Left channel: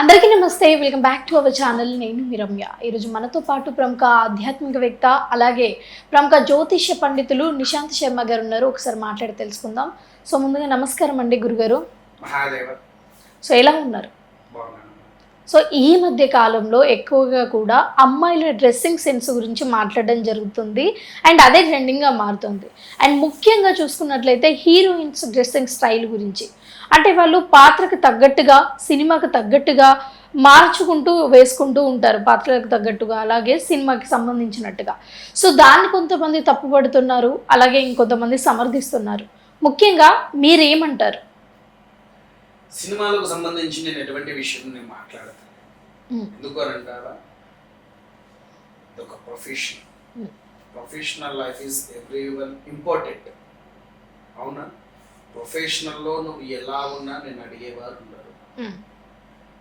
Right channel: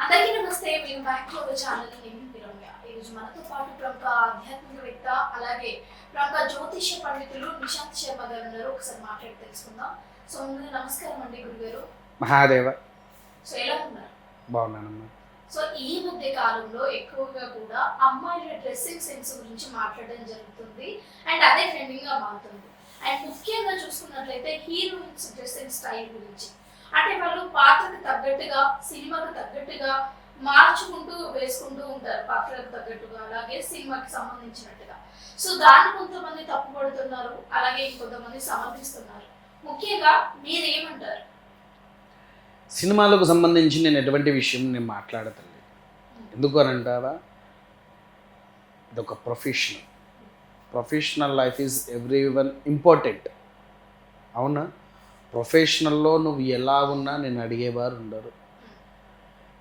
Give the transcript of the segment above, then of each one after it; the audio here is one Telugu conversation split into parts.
అందరికీ నమస్తే, welcome back to our channel. నేను మీ రమ్య. ఈరోజు మనతో పాటు ప్రముఖ ఆధ్యాత్మికవేత్త అలాగే ప్రముఖ జ్యోతిష్య పండితులు నిశాంత్ శర్మ గారు ఉన్నారు. ఒకసారి మాట్లాడి తెలుసుకుందాం. సో ముందుగా నమస్కారం అండి గురుగారు. మహాదేవ. సో ఎలా ఉన్నారు? బాగున్నాను. సో ఈ మధ్య కాలంలో ఎక్కువగా కూడా అమ్మాయిల డ్రెస్సింగ్ సెన్స్ గురించి మాట్లాడడం జరుగుతుంది అండ్ అదే ట్రెండింగ్గా మారుతుంది. అండ్ ముఖ్యంగా చూసుకున్నట్లయితే హీరోయిన్స్ డ్రెస్సింగ్ స్టైల్ గురించి, అంటే వాళ్ళు పాత్రకు తగ్గట్టుగా సినిమాకి తగ్గట్టుగా మార్చుకుంటూ వేసుకుంటూ ఉంటారు, పాత్రలకు తగ్గట్టుగా అలాగే సినిమాకి సంబంధించినట్టుగా. సో దాన్ని కొంతమంది తప్పుపడుతున్నారు, అలాగే ఇంకొంతమంది సమర్థిస్తున్నారు. ముఖ్యంగా మీరేమంటారు? సినిమాలకు సంబంధించి నేను ఎటువంటి విషయం నేను మాట్లాడతాను. ఎందుకు అని అంటారా, ఇదొక professional life is every one important. అవునా? ప్రొఫెషనల్లో నువ్వు ఎలా ఉన్నా నేను అడిగేవారు ఉండరు.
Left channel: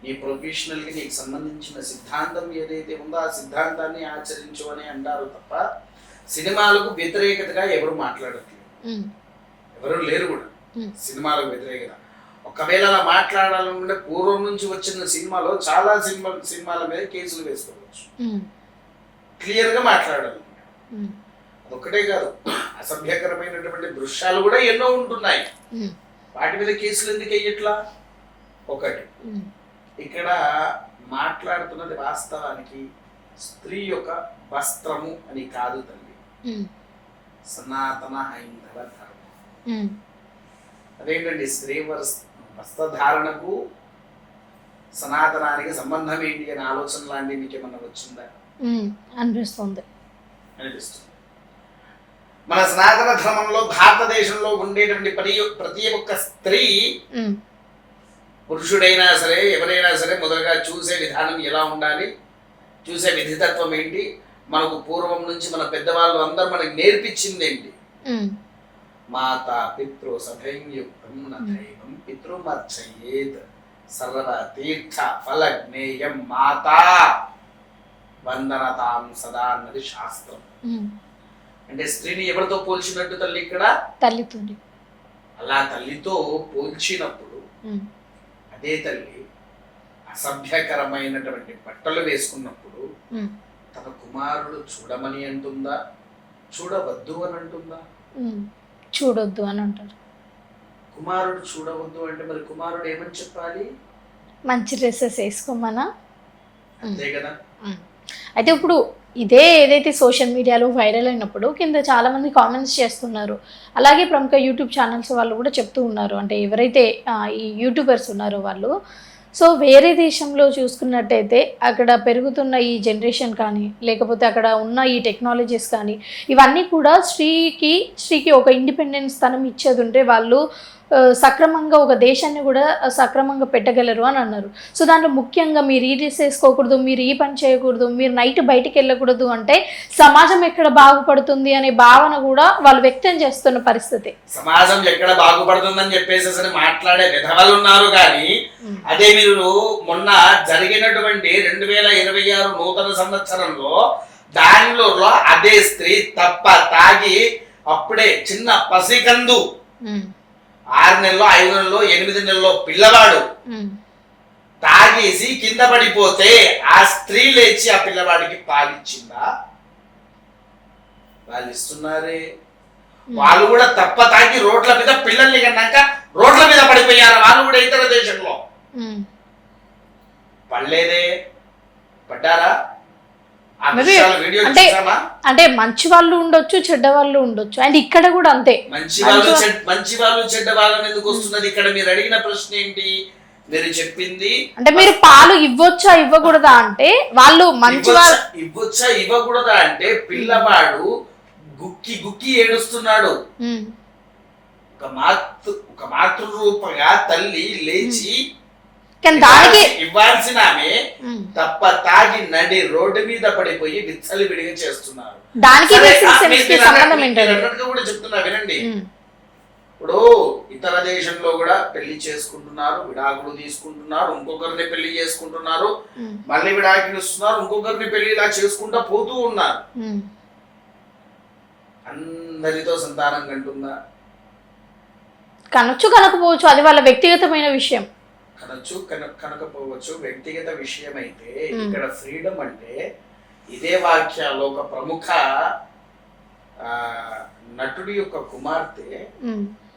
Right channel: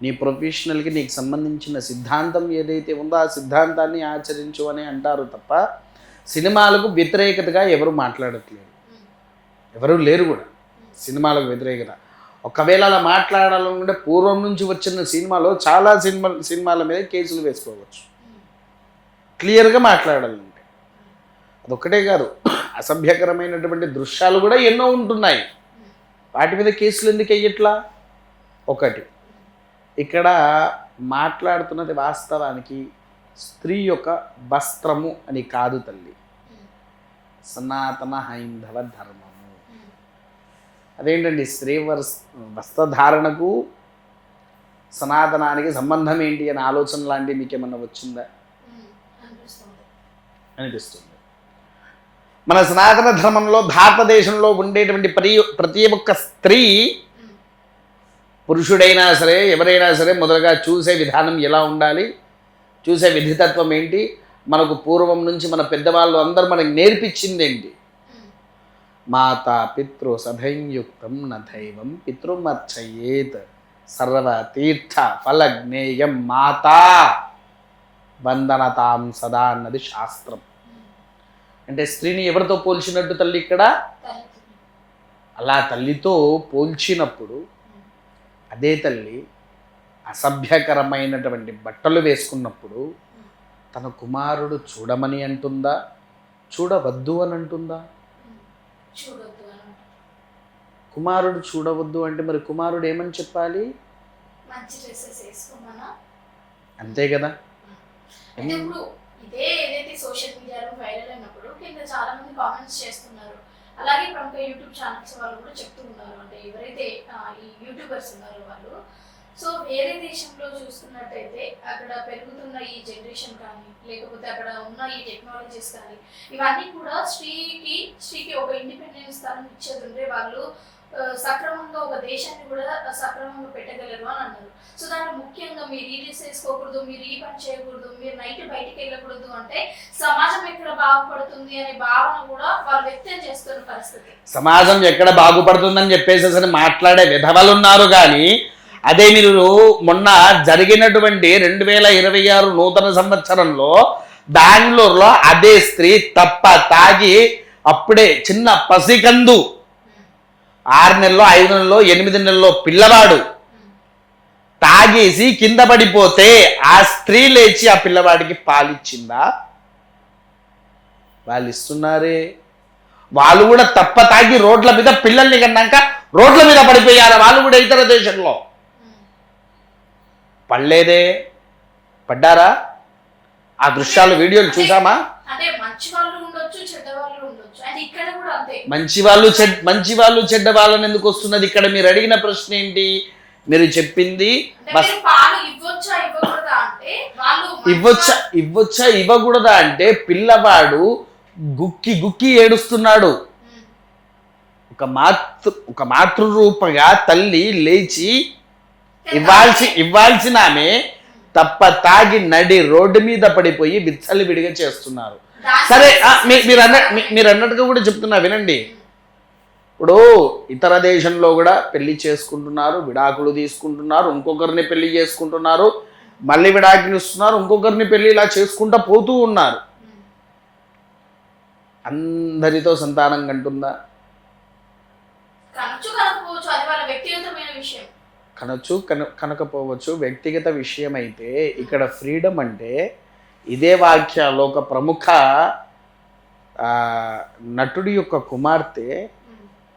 నీ ప్రొఫెషనల్కి నీకు సంబంధించిన సిద్ధాంతం ఏదైతే ఉందో ఆ సిద్ధాంతాన్ని ఆచరించు అని అంటారు తప్ప సినిమాలకు వ్యతిరేకతగా ఎవరు మాట్లాడట్లేదు, ఎవరు లేరు కూడా సినిమాలకు వ్యతిరేకత. ఒకవేళ అలా మాట్లాడాలనుకుంటే పూర్వం నుంచి వచ్చిన సినిమాలో చాలా సినిమాల మీద కేసులు వేసుకోవచ్చు, క్లియర్గా మాట్లాడాలంటే. అదొక్కటే కాదు, అసభ్యకరమైనటువంటి దృశ్యాలు కూడా ఎన్నో ఉంటున్నాయి, వాటి మీద కేసులు ఎందుకు వేయట్లా? ఒకటి ఇక్కడ మాట్లాడుతున్నది వాస్తవానికి స్త్రీ యొక్క వస్త్రము అని కాదు తల్లి, సనాతన హైందవ ధర్మము. అదేంటండి, స్త్రీ వస్త్రధారణకు సనాతనానికి సంబంధం ఏంటి అనే ఆలోచన లాంటివి మీకు ఏమన్నా వచ్చిందా? అనిపిస్తుంది. మన సనాతన ధర్మంలో భారతదేశంలో ఉండేటువంటి ప్రతి ఒక్క స్త్రీ, పురుషుడైనా సరే ఎవరైనా సరే, మొదలుగా చూసే విధానం ఎలా ఉండాలి, చూసే విధితత్వం ఏంటి, మనకు పూర్వం నుంచి మన పెద్దవాళ్ళు అందరూ మనకి నేర్పించింది ఏంటి? మాతా పితృ సభైయుక్తం నైవం పితృమర్చయేత్ సర్వ తీర్థ ఫలజ్ఞేయం మాతా వందనతాం సదా అన్నది శాస్త్రం. అంటే స్త్రీని ఎవరితో పోల్చినట్టు తల్లి? ఇక్కడ తల్లితో. అలా తల్లితో పోల్చినప్పుడు అదే తల్లి అసభ్యకరమైనటువంటి బట్టలు వేసుకున్నప్పుడు తన కుమారుడు చూడమని అంటుందా, చూడవద్దు అని అంటుందా? చూడొద్దు అని అంటారు. కుమారుడు చూడవద్దు అంటే మరి కుమారుడు ఏమని చెప్పాలి? మంచి డ్రెస్సెస్ వేసుకోమనా? అంతే కదా. అయితే ఇప్పుడు ఇదే ఏదైతే సోషల్ మీడియాలో వైరల్ అయినప్పుడు కింద చాలామంది కామెంట్స్ చేస్తున్నారు, అలాగే ప్రముఖ యూట్యూబ్ ఛానల్స్ వాళ్ళు కూడా చెప్తూ ఉన్నారు, అంటే ఎవరైతే ఈ యూట్యూబర్స్ ఉన్నారో వాళ్ళు. సో వేరే దేశంలో చూసుకున్నట్టయితే అక్కడ పెరుగుతున్న ఈ జనరేషన్ కానీ, లేకపోతే అక్కడ ఉన్న ఈ టెక్నాలజీస్ కానీ, ఇవన్నీ కూడా స్త్రీకి ఒక ఇండిపెండెన్స్ స్థానం ఇచ్చేది ఉంటే వాళ్ళు సక్రమంగా ఒక దేశాన్ని కూడా సక్రమంగా పెట్టగలరు అని అన్నారు. సో దాంట్లో ముఖ్యంగా మీరు ఈ డ్రెస్ వేసుకోకూడదు, మీరు ఈ పని చేయకూడదు, మీరు నైట్ బయటికి వెళ్ళకూడదు అంటే సమాజం ఎక్కడ బాగుపడుతుంది అనే భావన కూడా వాళ్ళు వ్యక్తం చేస్తున్న పరిస్థితి. సమాజం ఎక్కడ బాగుపడుతుందని చెప్పేసి మాట్లాడే విధవలు ఉన్నారు. కానీ అదే మీరు మొన్న జరిగినటువంటి 2026 నూతన సంవత్సరంలో బెంగళూరులో అదే స్త్రీ తప్ప తాగి, అప్పుడే చిన్న పసికందు, 6 నెలలో 5 నెలలో 8 నెలలో పిల్లవాడు తాగేసి కింద పడిపోతే ఆ స్త్రీ లేచి ఆ పిల్లవాడికి పాలిచ్చిందా? వాళ్ళు ఇస్తున్నారే. వాళ్ళు కూడా తప్ప తాగి రోడ్ల మీద పిల్లల్ని కన్నాక రోడ్ల మీద పడిపోయారు. వాళ్ళు కూడా ఇతర దేశంలో పడలేదే, పడ్డారా? ఆ దృశ్యాలు వీడియోలు చూసామా? అంటే మంచి వాళ్ళు ఉండొచ్చు, చెడ్డ వాళ్ళు ఉండొచ్చు, అండ్ ఇక్కడ కూడా అంతే. మంచి వాళ్ళు చెడ్డ వాళ్ళని ఎందుకు వస్తున్నది? ఇక్కడ మీరు అడిగిన ప్రశ్న ఏంటి? మీరు చెప్పింది అంటే మీరు పాలు ఇవ్వొచ్చా ఇవ్వకూడదా అంటే, వాళ్ళు ఇవ్వొచ్చా ఇవ్వకూడదా అంటే పిల్లవాడు గుక్కి ఏడుస్తున్నాడు. ఒక మాతృరూపగా తల్లి లేచి ఇవ్వాల్సిన ఆమె తప్ప తాగి నడి రోడ్డు మీద పడిపోయి విచ్చలు విడిగా చేస్తున్నారు. మీరు అన్నట్టుగా కూడా చెప్తున్నా వినండి. ఇప్పుడు ఇతర దేశంలో కూడా పెళ్లి చేసుకుంటున్నారు, విడాకులు తీసుకుంటున్నారు, ఇంకొకరిని పెళ్లి చేసుకుంటున్నారు, మళ్ళీ విడాకులు ఇస్తున్నారు, ఇంకొకరిని పెళ్లి ఇలా చేసుకుంటా పోతూ ఉన్నారు. అందరితో సంతానం కంటుందా? కనొచ్చు, కనకపోవచ్చు, అది వాళ్ళ వ్యక్తిగతమైన విషయం. కనొచ్చు కనకపోవచ్చు వ్యక్తిగత విషయం అయితే, ఇక్కడ ఫ్రీడమ్ అంటే ఇదే వాక్యాల్లో ఒక ప్రముఖ నటుడి యొక్క కుమార్తె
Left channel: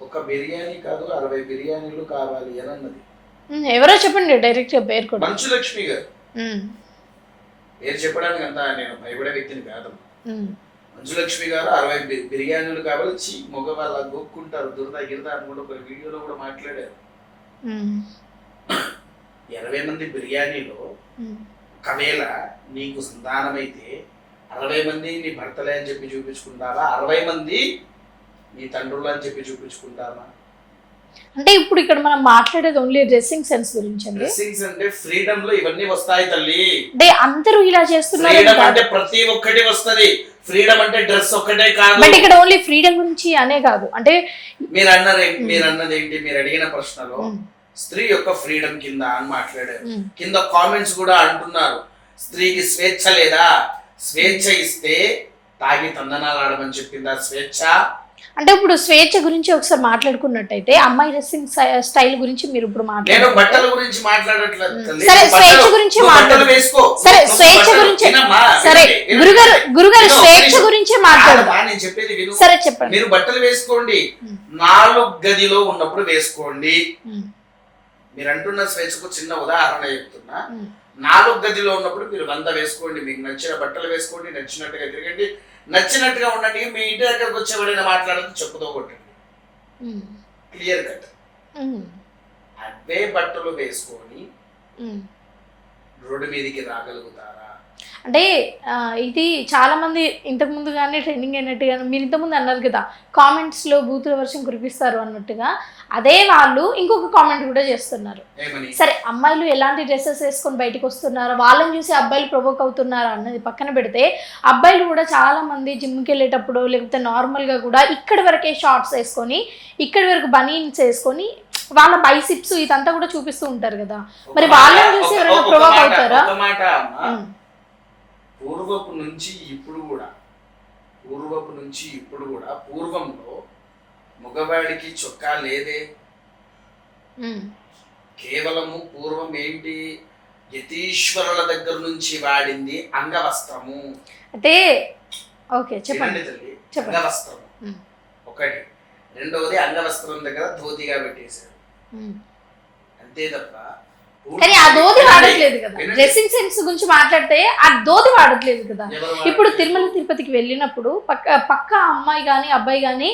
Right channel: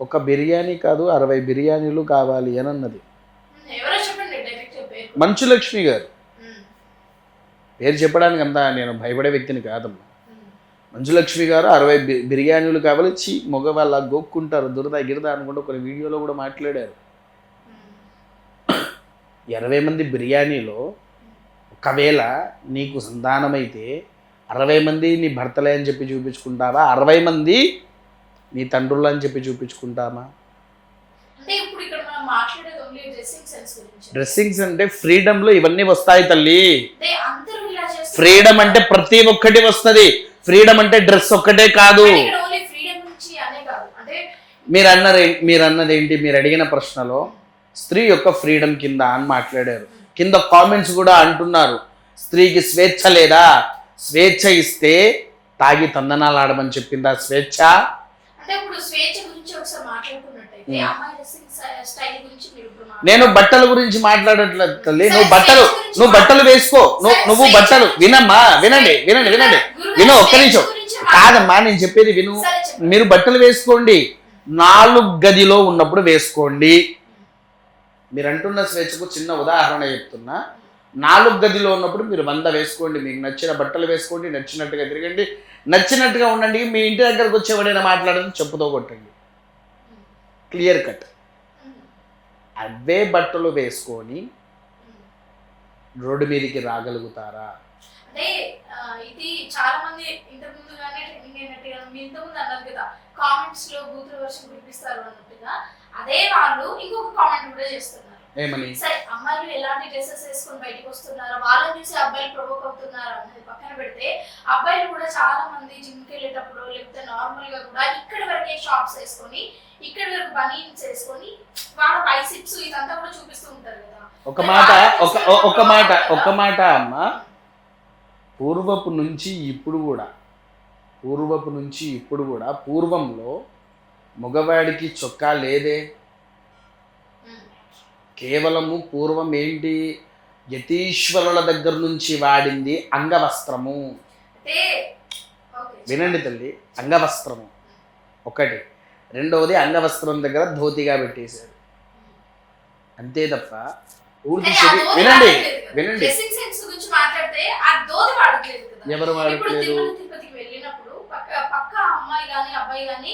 ఒక బిర్యానీ కాదు 60 బిర్యానీలు కావాలి అని అన్నది. ఎవరో చెప్పండి డైరెక్ట్ పేరు. మంచులక్ష్మి గారు. పేరు చెప్పడానికి అంతా నేను భయపడే వ్యక్తిని కాదు. మంచులక్ష్మి గారు 60 బిర్యానీలు కావాలి, మగవాళ్ళ గోక్కుంటారు దురద గిరద అనుకుంటూ కొన్ని వీడియోలో కూడా మాట్లాడారు. 20 మంది బిర్యానీలో ఒకవేళ నీకు సంతానమైతే 60 మంది నీ భర్తలే అని చెప్పి చూపించుకుంటావా, 60 మంది నీ తండ్రులు అని చెప్పి చూపించుకుంటామా? అంటే ఇప్పుడు ఇక్కడ మనం మాట్లాడేది ఓన్లీ డ్రెస్సింగ్ సెన్స్ గురించి. డ్రెస్సింగ్స్ అంటే ఫ్రీడమ్ లో ఇవన్నీ వస్తాయి తల్లి. అంటే అందరూ ఇలా చేస్తున్నారు. ఫ్రీడమ్ అంటే ప్రతి ఒక్కటి వస్తది. ఫ్రీడమ్ అంటే డ్రెస్ ఒక్కటే కాదు. ఇక్కడ ఓన్లీ ఫ్రీడమ్ గురించి అనే కాదు. అంటే మీరు అన్నది ఏంటి, మీరు అడిగిన ప్రశ్నలో స్త్రీ యొక్క ఫ్రీడమ్ కింద అని మాట్లాడారు. కింద కామెంట్స్ కూడా అంటున్నారు, స్త్రీకి స్వేచ్ఛ లేదా, స్వేచ్ఛ ఇస్తే తాగి తందనాలు ఆడమని చెప్పిందా స్వేచ్ఛ? అంటే ఇప్పుడు స్వేచ్ఛ గురించి ఒకసారి మాట్లాడుకున్నట్టయితే అమ్మాయి డ్రెస్సింగ్ స్టైల్ గురించి మీరు ఇప్పుడు నేను బట్టల గురించి మాట్లాడట్లేదు. బట్టలు వేసుకో, నేను చెప్పేది విను. మీరు బట్టలు వేసుకోండి, 4 గదిలో ఉన్నప్పుడు వేసుకోండి. మీరు అంటున్న స్వేచ్ఛకు చిన్న ఉదాహరణ చెప్తున్నా. 4 గదిలో ఉన్నప్పుడు మీరు 100 వేసుకోండి, మీకు నచ్చిన బట్టలు వేసుకోండి, నచ్చినట్టుగా తిరగండి, నచ్చినట్టుగా ఉండండి. మీ ఇంటి దగ్గరకు వచ్చేవాడైనా మాట్లాడదు చెప్పుతో కొట్టండి, క్లియర్ కట్. అవే బట్టలు వేసుకొని రోడ్డు మీదకి రాగలుగుతారా? అంటే ఇది చాలా మంది ఇంతకు ముందు కానీ ట్రెండింగ్ అయినట్టుగా మీరు ఇంతకుముందు అన్నారు కదా, కామెంట్స్లో బూతుల వర్షం కురిపిస్తారు అన్నట్టుగా, అదే వాళ్ళు ఇంకొక కామెంట్ కూడా చేస్తున్నారు. సరే అమ్మాయిలు ఎలాంటి డ్రెస్సెస్ వేసుకొని బయటకు వస్తున్నారు, వాళ్ళని చూసి అబ్బాయిలు ప్రొవోక్ అవుతున్నారు అన్నది పక్కన పెడితే, అబ్బాయిలు కూడా చాలా మంది జిమ్కి వెళ్ళేటప్పుడు లేకపోతే నార్మల్గా కూడా ఇక్కడి వరకే షార్ట్స్ వేసుకొని, ఇక్కడి వరకు బనీన్స్ వేసుకొని వాళ్ళ బైసిప్స్ ఇదంతా కూడా చూపిస్తూ ఉంటారు కదా. మరి వాళ్ళని చూసి పూర్వపు నుంచి ఇప్పుడు కూడా పూర్వంలో మగవాడికి చొక్కా లేదే. కేవలము పూర్వం ఏంటి, యతీశ్వరుల దగ్గర నుంచి వాడింది అంగవస్త్రము. అంటే వినండి తల్లి, అంగవస్త్రము ఒకటి. రెండవది అంగవస్త్రం దగ్గర ధోతిగా పెట్టేశారు, అంతే తప్ప డ్రెస్సింగ్ సెన్స్ గురించి మాట్లాడితే ఆ ధోతి వాడట్లేదు కదా. ఇప్పుడు తిరుమల తిరుపతికి వెళ్ళినప్పుడు పక్క అమ్మాయి కానీ అబ్బాయి కానీ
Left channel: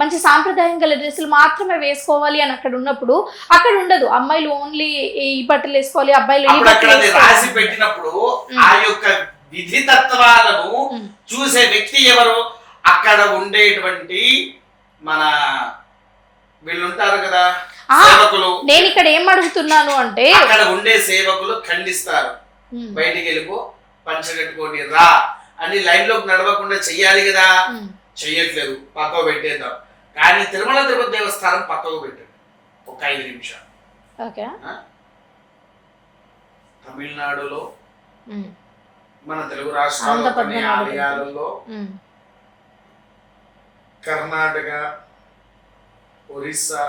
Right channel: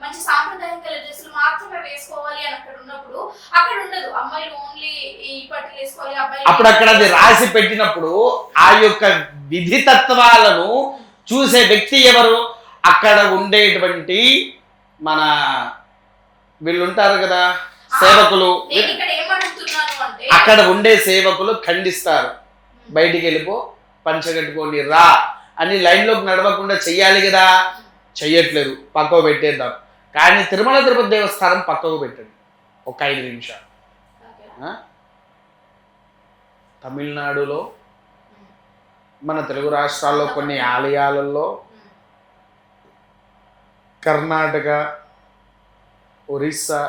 మంచి సాంప్రదాయం గల డ్రెస్సులు మాత్రమే వేసుకోవాలి అని అక్కడ ఉన్నప్పుడు, అక్కడ ఉండదు. అమ్మాయిలు ఓన్లీ ఈ బట్టలు వేసుకోవాలి, అబ్బాయిలు రాసి పెట్టినప్పుడు ఆ యొక్క విధి తత్వాలను చూసే వ్యక్తి ఎవరు? అక్కడ ఉండేటువంటి మన వీళ్ళు ఉంటారు కదా సేవకులు. నేను ఇక్కడ ఏం అడుగుతున్నాను అంటే, అక్కడ ఉండే సేవకులు ఖండిస్తారు, బయటికి వెళ్ళిపో, పంచగట్టుకోండి రా అని లైన్ లోకి నడవకుండా చెయ్యాలి కదా. చెయ్యట్లేదు, పక్కకు పెట్టేద్దాం. కానీ తిరుమల తిరుపతి దేవస్థానం పక్కకు పెట్టండి ఒక 5 నిమిషాలు. తమిళనాడులో, మన తెలుగు రాష్ట్రాల్లో కొన్ని ఆలయాలలో, కర్ణాటక, ఒరిస్సా,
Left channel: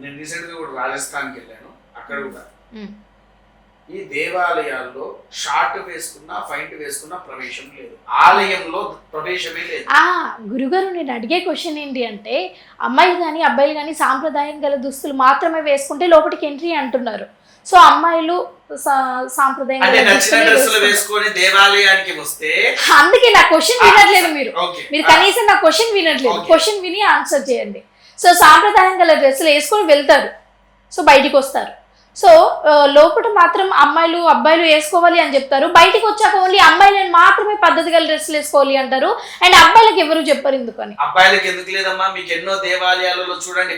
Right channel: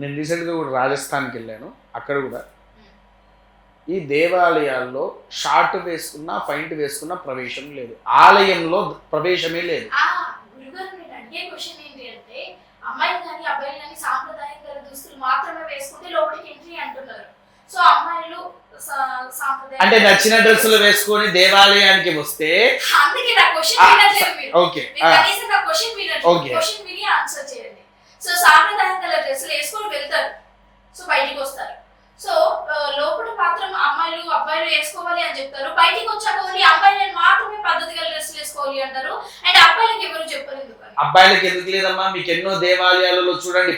నేను రీసెంట్గా కూడా రాజస్థాన్కి వెళ్ళాను, అక్కడ కూడా ఈ దేవాలయాల్లో షార్ట్ వేసుకున్నా ఫైంట్ వేసుకున్నా ప్రవేశం లేదు, ఆలయంలో ప్రవేశమే లేదు. గురుగారు నేను అడిగే క్వశ్చన్ ఏంటి అంటే, అమ్మాయిలు కానీ అబ్బాయిలు కానీ సాంప్రదాయం గల దుస్తులు మాత్రమే వేసుకుంటే లోపలికి ఎంట్రీ అంటున్నారు. సో అమ్మాయిలు సాంప్రదాయం అంటే నచ్చిన డ్రెస్సులు వేసుకొని దేవాలయానికి వస్తే, అందుకే నా క్వశ్చన్ వినట్లేదు మీరు కనీసం నా క్వశ్చన్ వినట్లేదు. క్వశ్చన్ విని ఆన్సర్ చేయండి. సో సాంప్రదాయం గల డ్రెస్సులు వేసుకొని వెళ్తారు, సో బయటికి వస్తారు. సో లోపల మాత్రం అమ్మాయిలు అబ్బాయిలు వేసుకోవాలి అని చెప్తారు, బయటికి వచ్చాక ఓన్లీ అమ్మాయిలను మాత్రమే పద్ధతి గల డ్రెస్సులు వేసుకోవాలి అంటారు. అండ్ అబ్బాయిలకు ఎవరు చెప్పారు ఎందుకని? అబ్బాయిలకు ఎందుకు లేదమ్మా, మీకు ఎన్నో దేవాలయాలలో చూడండి,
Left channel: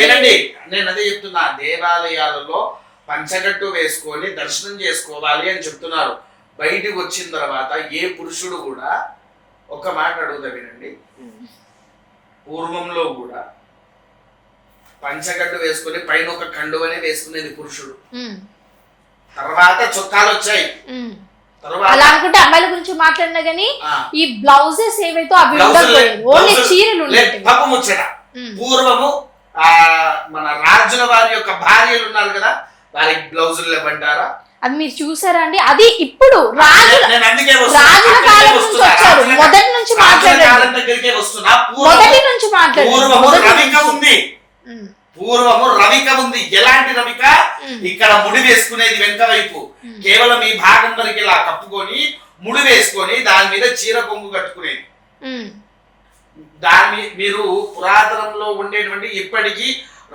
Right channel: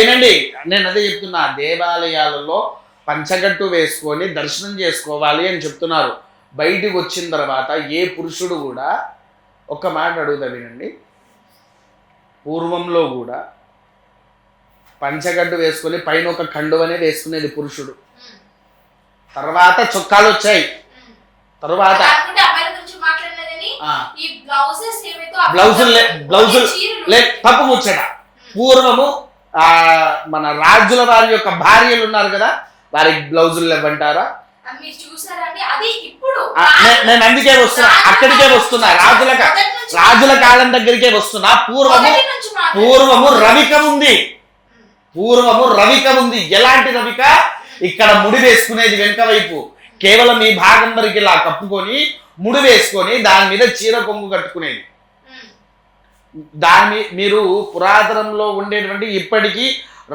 వినండి నేను అదే చెప్తున్నా, దేవాలయాలలో పంచగట్టు వేసుకొని దర్శనం చేసుకోవాలి అని చెప్తున్నారు. బయటికి వచ్చిన తర్వాత ఏ పురుషుడు కూడా, ఒక మాట అడుగుతా వినండి, పూర్వంలో కూడా పంచగడ్డు వేసుకొని పైన ఒక కండువనే వేసుకునేది పురుషుడు. తర్వాత చొక్కాలు వచ్చాయి. అలా అనుకుంటే అమ్మాయిల గురించి మాట్లాడినా కానీ ఈ బ్లౌజెస్ ఏవైతే తప్పు ముచ్చట. పూర్వము మన రాజుల వారి యొక్క భార్యలు ఉన్నారు కదా, వారికి బ్లౌజులు ఇవ్వంటారా? అది మీరు చూసారా అండి? అది ఇప్పుడు నేను అందుకే వస్తున్నా, అక్కడికే వస్తున్నా, రాజుల కాలం దగ్గరికే వస్తున్నా. పూర్వము రవిక ఉంది, పూర్వము రవిక ఉంది. ఎలాంటి రవిక? ఇక్కడ ముడి వేసుకునేది వెనక వైపు, కేవలం ఈ భాగం వరకు ఇలా కప్పుకొని ముడి వేసుకొని దాని మీద చీర కొంగు కట్టుకునేది. దాన్ని మీరు పురాతనంలో ఉండేటువంటి ఇప్పటికీ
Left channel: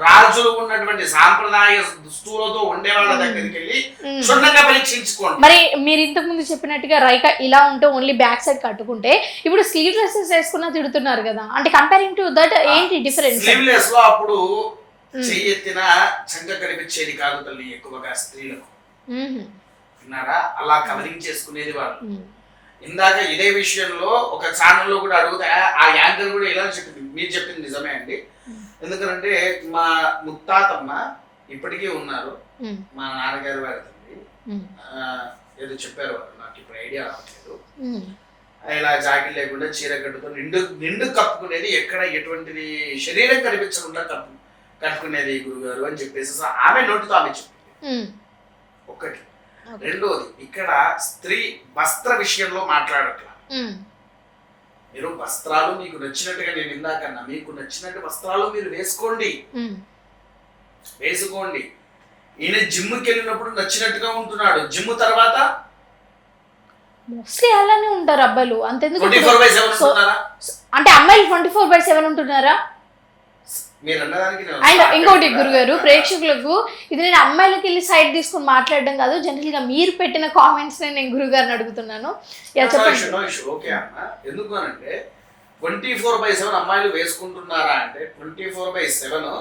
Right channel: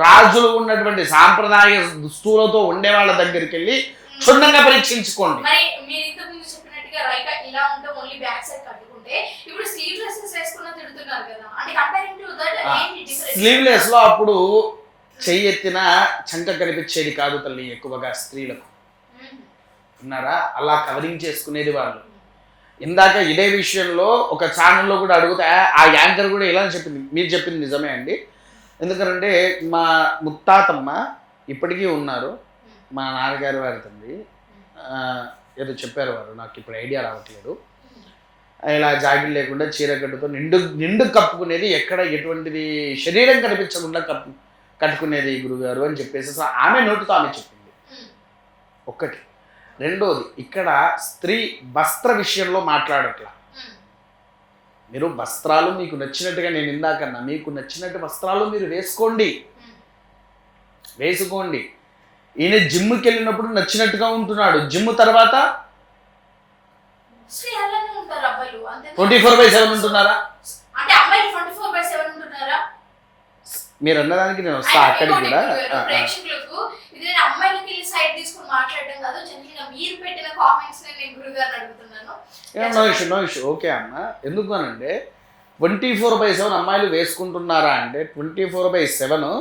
రాజులు ఉన్నటువంటి సాంప్రదాయ దుస్తులతో ఉండే వాళ్ళ దగ్గరికి వెళ్ళి క్షుణ్ణంగా పరీక్షించుకోండి. మరి మీరు ఇంతకు ముందు చెప్పినట్టుగా రైక ఇలా ఉంటే ఓన్లీ బ్యాక్ సైడ్ కట్టుకుంటే, ఇప్పుడు స్లీవ్ డ్రెస్సెస్ వేసుకున్నా తిడుతున్నారు కదా, అంటే కంపేరింగ్ టు దట్ ఏంటి డిఫరెన్స్? స్లీవ్లెస్ లో అప్పుడు చెయ్యి ఎత్తిన చంక కనిపించేది కాదు తల్లి, ఎక్కువగా స్త్రీలకు విన్నారా, అలా కవరింగ్ చేసుకునేది వాళ్ళు. ఇందాక ఇదే విషయంలో ఒక ఛానల్లో కూడా అడుగుతా, ఆ యాంకర్ కూడా ఇలా చెప్పింది, మీరు చెప్పింది నిజమే అండి. ఎందుకంటే మా ముత్తాతమ్మ ఇప్పటికీ ఉన్నారు, మా నాన్నగారి వారి తండ్రి ఏదో చెప్పారు వారు, నాకు ఇప్పుడు ఐడియా రావట్లేదు. ఇలా జాకెట్ లేకుండా చీర కట్టుతో నిండు కప్పుకునేది, ఎక్కడ ఎటువంటిది శరీరం కనిపించకుండా కట్టుకునేది గురుగారు అని చెప్పేసి ఆమె నోటితో ఆమె చెప్పింది. ఒక్కటి. రెండోది, ఇక్కడ స్త్రీ వస్త్ర విషయంలో మాట్లాడట్లా. మీరు వస్త్రాలు మీకు నచ్చినట్టుగా, నేను ఇందాకన్నా మీకు నచ్చినట్టు వస్త్రాలు మీరు వేసుకోండి. ఈయన జిమ్కి వెళ్ళినప్పుడు నచ్చినట్టుగా ఉంటున్నాడు, జిమ్ తర్వాత మోస్ట్లీ అలానే ఉంటారు అబ్బాయిలు. అంతే 24/7 ఉంటున్నారా? అంటే అమ్మాయిలు 24/7 ఉంటున్నారా? మీరు అన్నదానికి ఇంకోటి గురుగారు, ప్రేక్షకులకు ఇది నేను అమ్మాయిలకి వెళ్ళి సైడ్ తీసుకుని మాట్లాడడం కాదు, జనరల్ గా మీరు పెట్టిన కామెంట్స్ నేను గురుగారిని అడుగుతున్నాను. ఓకే అన్న, ఎందుకు అనంటే 24/7 అమ్మాయిలు వేసుకుంటున్నారా అంటే 24/7